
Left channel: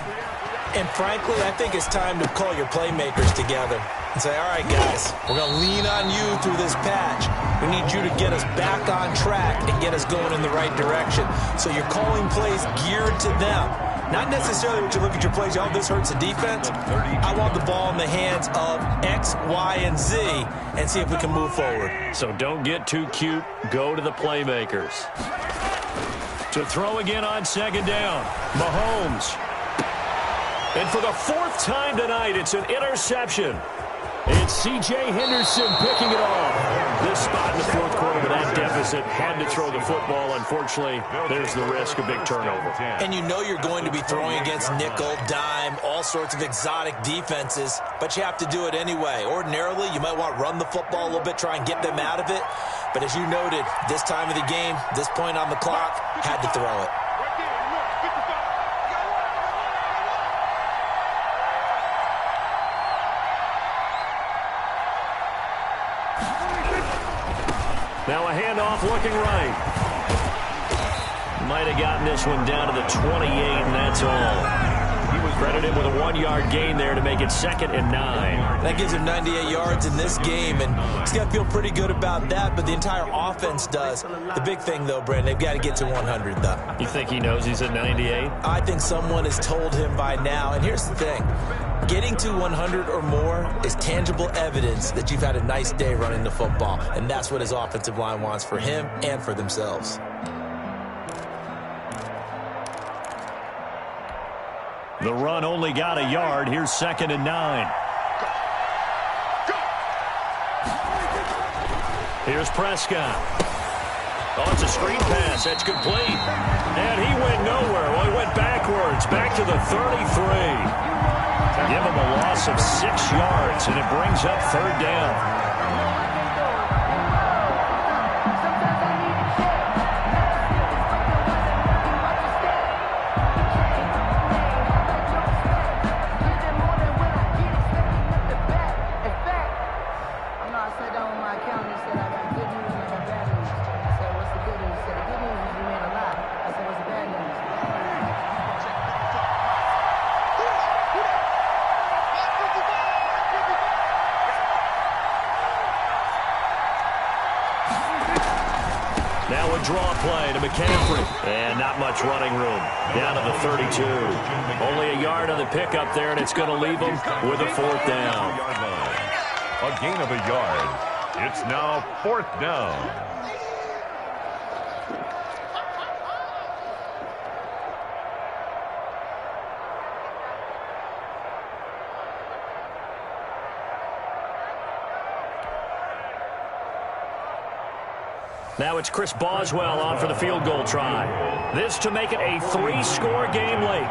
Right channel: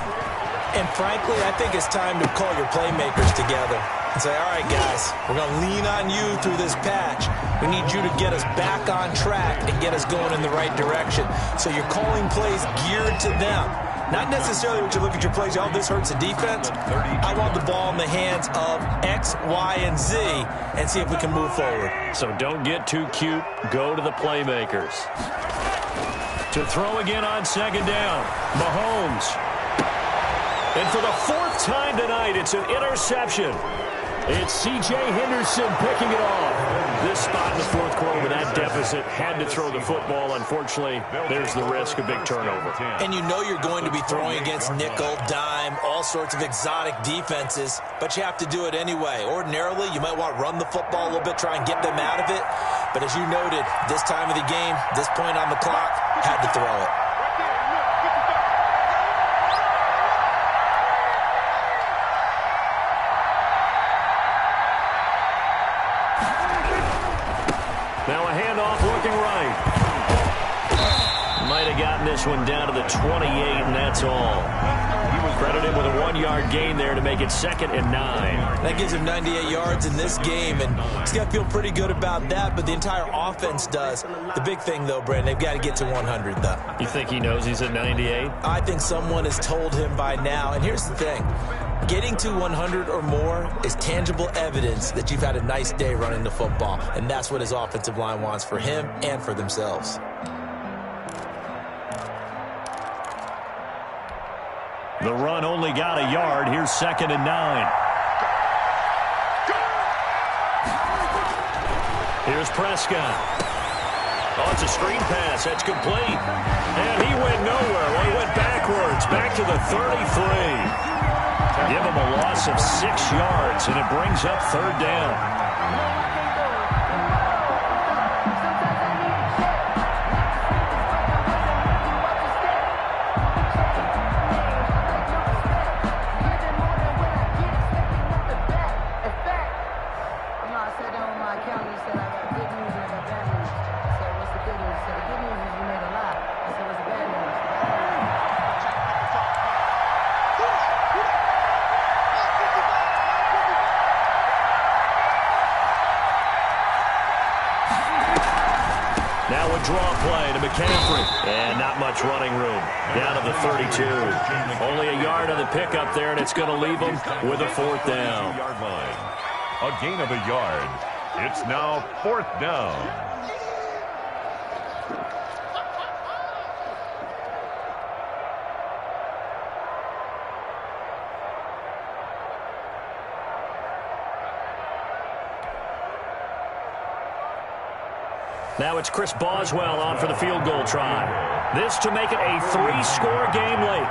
And frankly, I think it's time to call your playmakers together and say, all right, guys, we're going to lean on you through this patch. We need you to get us back on track and get us going in the right direction. So you're calling plays geared to them. Not necessarily when you look at your plays, oh, this hurts the defense. I want the ball in the hands of X, Y, and Z and see if we can move forward. So don't get too cute. Go to the playmakers. To throw again on second down. Mahomes. And for the fourth time tonight, it's an interception. It's C.J. Henderson picking it off. This spot in the fourth quarter with that deficit, had to throw the football. Unfortunately, there's the risk of big turnover. And you know you're going to be throwing against nickel, dime, all sorts of exotic defenses, but you have to do it anyway. Ordinarily, you might want to run the football a little bit, try and get them out of it. But as you noted, this time of the game, this point on the clock, had to throw it. Now a handoff looking right. Might have gotten this one down to the 28, and that's all. He was credited with a 1-yard gain there to make it 2nd and 9. That gives him 98 yards in this game, and he's got to feel pretty good about that, but the entire offense does. The big thing, though, Brandon, they've got to get to 100, though. You think he knows he's at 98? I think someone has told him by now, and here's the thing. Getting to 100 or more is tangible evidence that you've had a nice day running the football, and that's what his offensive line wants for him and for themselves. The run only got a yard. Here's 2nd and 9. Here's Prescott. Oh, it's a screen pass. That's complete. And he went nowhere. Well, he went backwards, back to the 33. Give him a loss of 6 yards, and it brings up 3rd down. Now a draw play to McCaffrey. And not much running room. Down to the 32. Only a yard on the pickup there, and it's going to leave him with a 4th down. A gain of a yard. It's now 4th down. Now it's Chris Boswell on for the field goal try. This to make it a 3-score game late.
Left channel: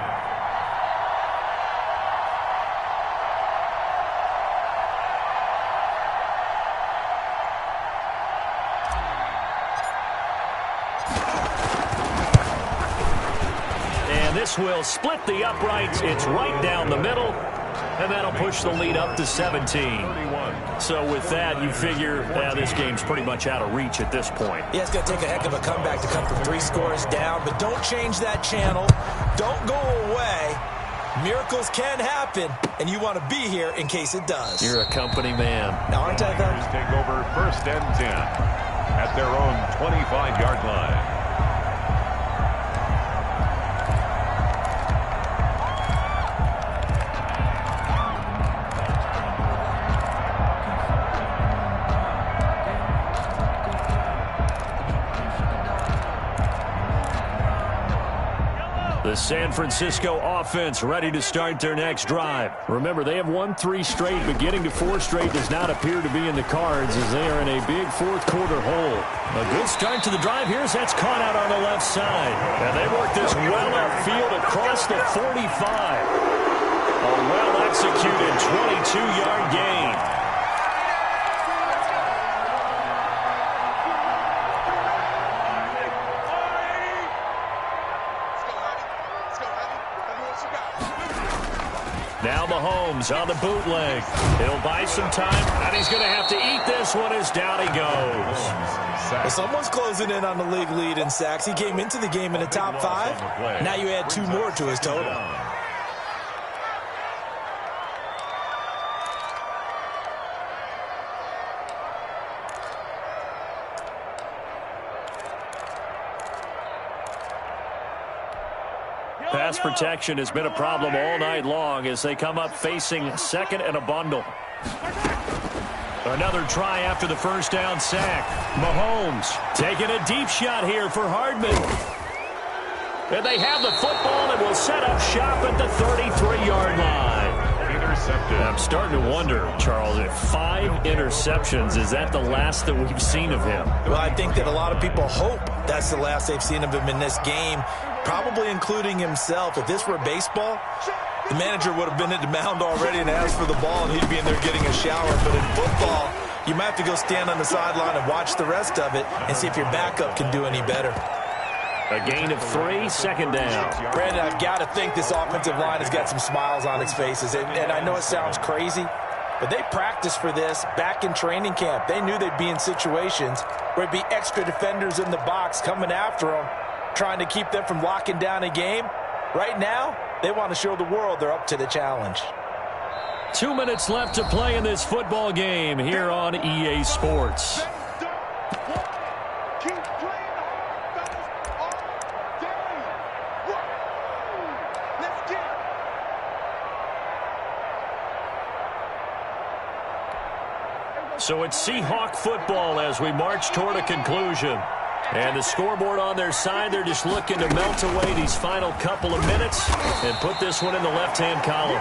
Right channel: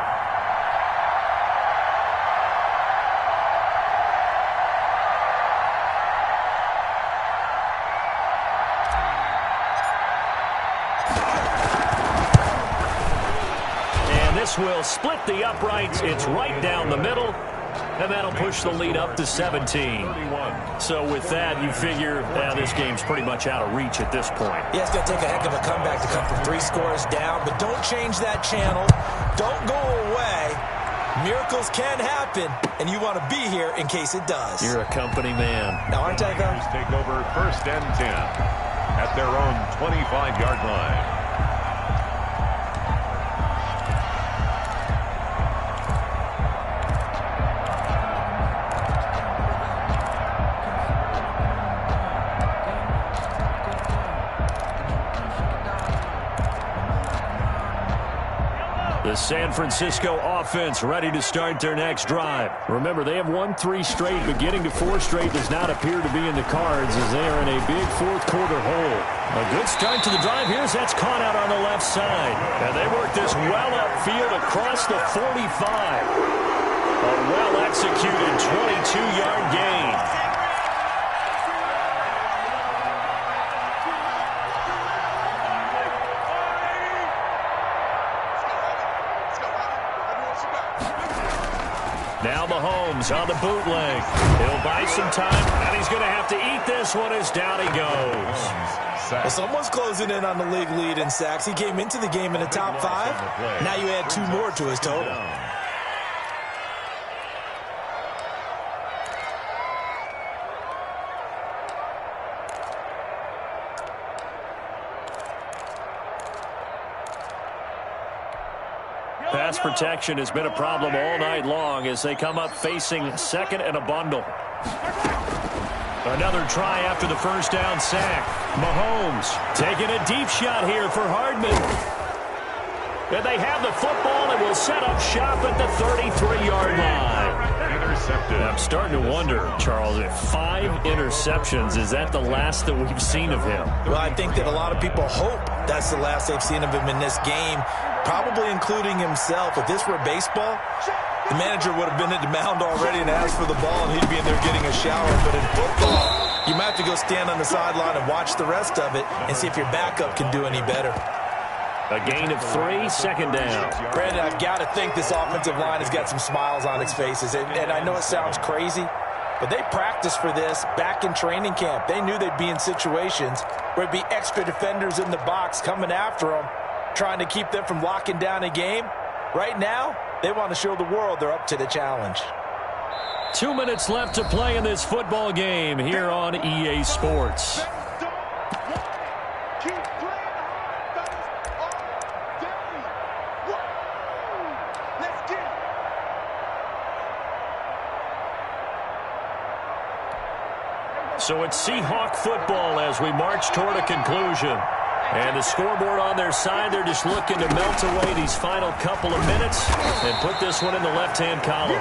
And this will split the uprights. It's right down the middle. And that'll push the lead up to 17. So with that, you figure this game's pretty much out of reach at this point. Yeah, it's going to take a heck of a comeback to come from 3 scores down, but don't change that channel. Don't go away. Miracles can happen, and you want to be here in case it does. You're a company man. Now, aren't I, though? Take over 1st and 10 at their own 25-yard line. The San Francisco offense ready to start their next drive. Remember, they have won 3 straight, but getting to 4 straight does not appear to be in the cards as they are in a big 4th quarter hole. A good start to the drive here as that's caught out on the left side. And they work this well upfield across the 45. A well-executed 22-yard gain. Now Mahomes on the bootleg. He'll buy some time, and he's going to have to eat this one as down he goes. Well, someone's closing in on the league lead in sacks. He came into the game in the top 5. Now you add 2 more to his total. Pass protection has been a problem all night long as they come up facing 2nd and a bundle. Another try after the first down sack. Mahomes taking a deep shot here for Hardman. And they have the football and will set up shop at the 33-yard line. Intercepted. I'm starting to wonder, Charles, if 5 interceptions, is that the last that we've seen of him? Well, I think that a lot of people hope that's the last they've seen of him in this game, probably including himself. If this were baseball, the manager would have been at the mound already and asked for the ball, and he'd be in there getting a shower. But in football, you might have to go stand on the sideline and watch the rest of it and see if your backup can do any better. A gain of 3, second down. Brandon, I've got to think this offensive line has got some smiles on its faces. And I know it sounds crazy, but they practiced for this back in training camp. They knew they'd be in situations where it'd be extra defenders in the box coming after them, trying to keep them from locking down a game. Right now, they want to show the world they're up to the challenge. 2 minutes left to play in this football game here on EA Sports. So it's Seahawk football as we march toward a conclusion. And the scoreboard on their side, they're just looking to melt away these final couple of minutes and put this one in the left-hand column.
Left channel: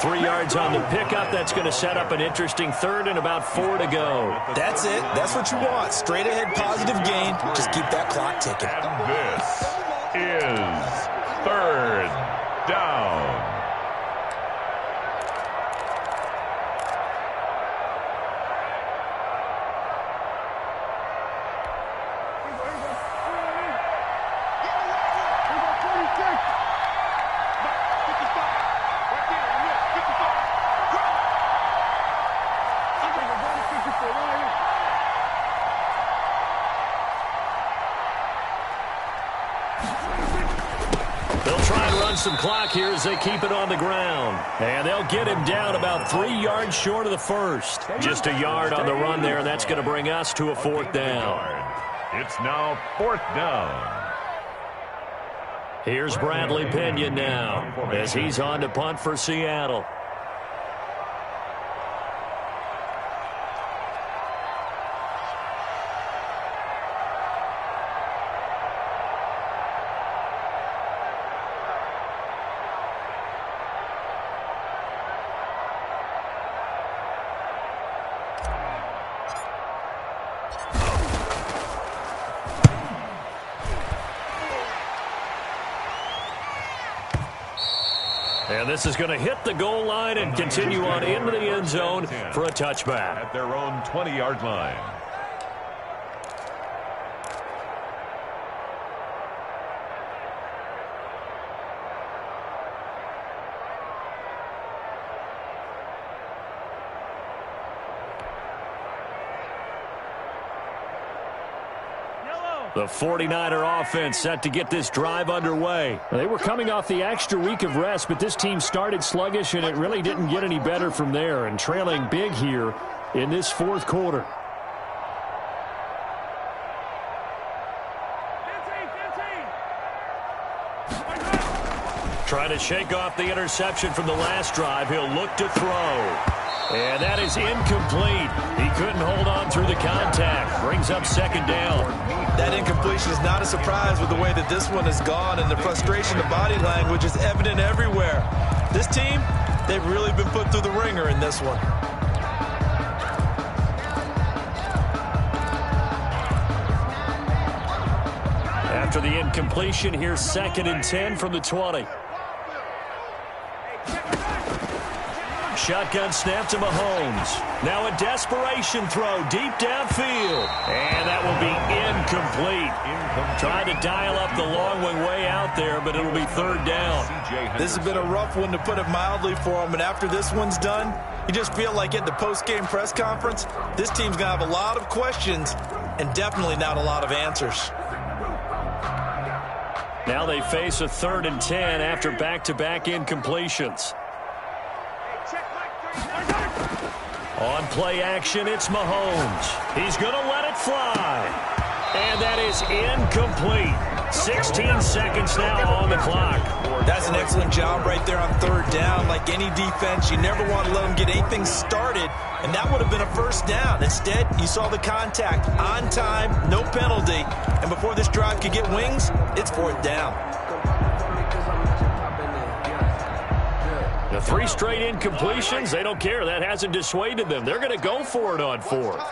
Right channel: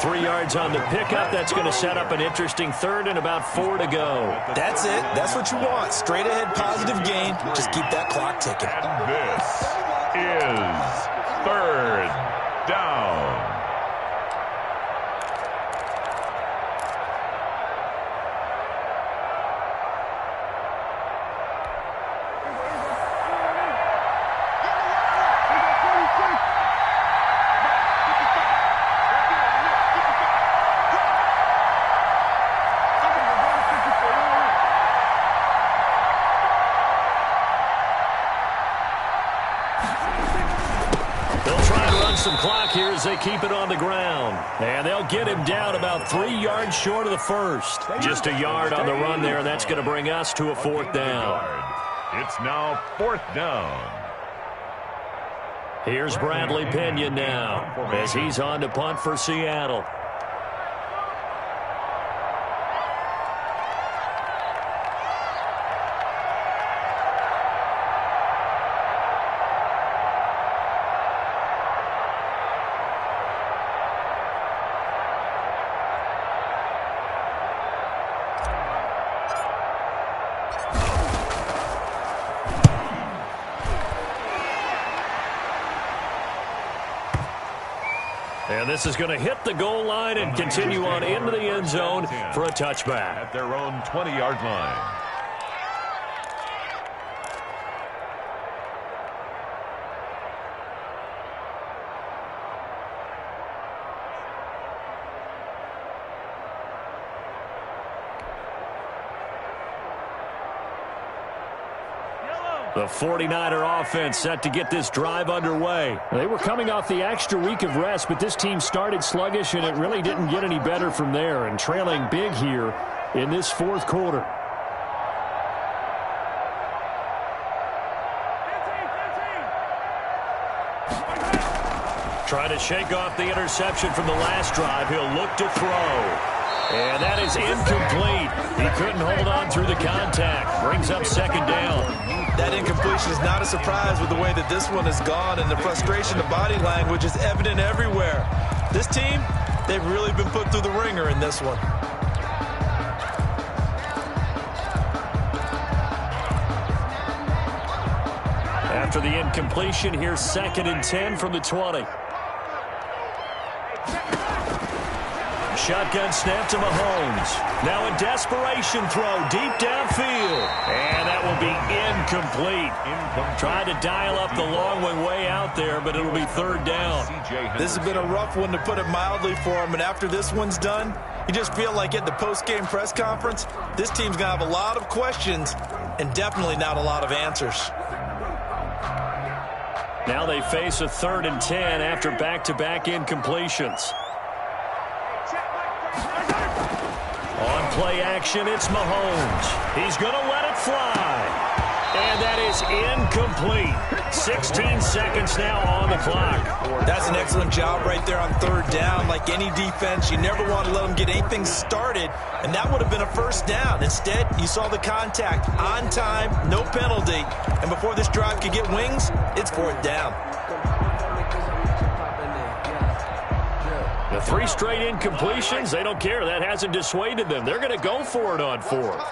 3 yards on the pickup. That's going to set up an interesting third and about 4 to go. That's it. That's what you want. Straight ahead positive gain. Just keep that clock ticking. And this is third down. Some clock here as they keep it on the ground. And they'll get him down about 3 yards short of the first. Just a yard on the run there, and that's going to bring us to a 4th down. It's now 4th down. Here's Bradley Pena now as he's on to punt for Seattle. And this is going to hit the goal line and continue on into the end zone for a touchback. At their own 20-yard line. The 49er offense set to get this drive underway. They were coming off the extra week of rest, but this team started sluggish, and it really didn't get any better from there, and trailing big here in this 4th quarter. Trying to shake off the interception from the last drive. He'll look to throw. And that is incomplete. He couldn't hold on through the contact. Brings up 2nd down. That incompletion is not a surprise with the way that this one has gone, and the frustration of body language is evident everywhere. This team, they've really been put through the ringer in this one. After the incompletion, here's 2nd and 10 from the 20. Shotgun snap to Mahomes. Now a desperation throw deep downfield. And that will be incomplete. Tried to dial up the long way out there, but it'll be 3rd down. This has been a rough one, to put it mildly, for him. And after this one's done, you just feel like at the post-game press conference, this team's going to have a lot of questions and definitely not a lot of answers. Now they face a 3rd and 10 after back-to-back incompletions. On play action, it's Mahomes. He's going to let it fly. And that is incomplete. 16 seconds now on the clock. That's an excellent job right there on third down. Like any defense, you never want to let them get anything started, and that would have been a first down. Instead, you saw the contact on time, no penalty, and before this drive could get wings, it's fourth down. The 3 straight incompletions, they don't care. That hasn't dissuaded them. They're going to go for it on fourth.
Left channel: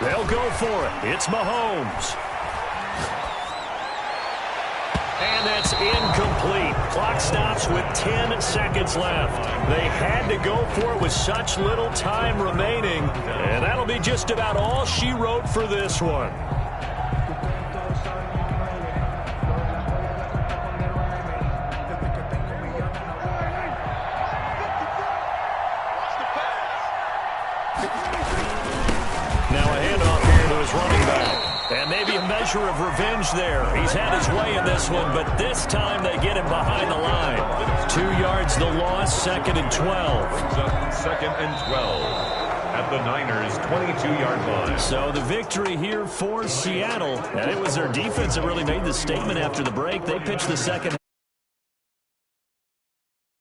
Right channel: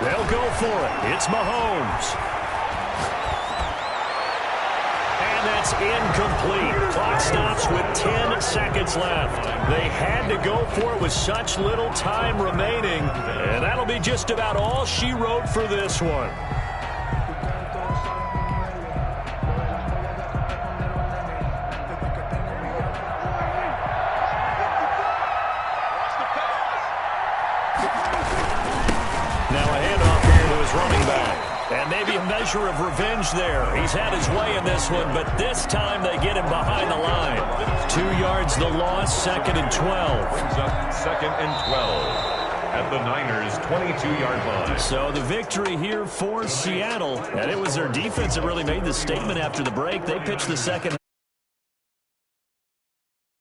They'll go for it. It's Mahomes. And that's incomplete. Clock stops with 10 seconds left. They had to go for it with such little time remaining. And that'll be just about all she wrote for this one. Now a handoff here to his running back. And maybe a measure of revenge there. He's had his way in this one, but this time they get him behind the line. 2 yards the loss, 2nd and 12. Brings up 2nd and 12 at the Niners' 22-yard line. So the victory here for Seattle. And it was their defense that really made the statement after the break. They pitched the second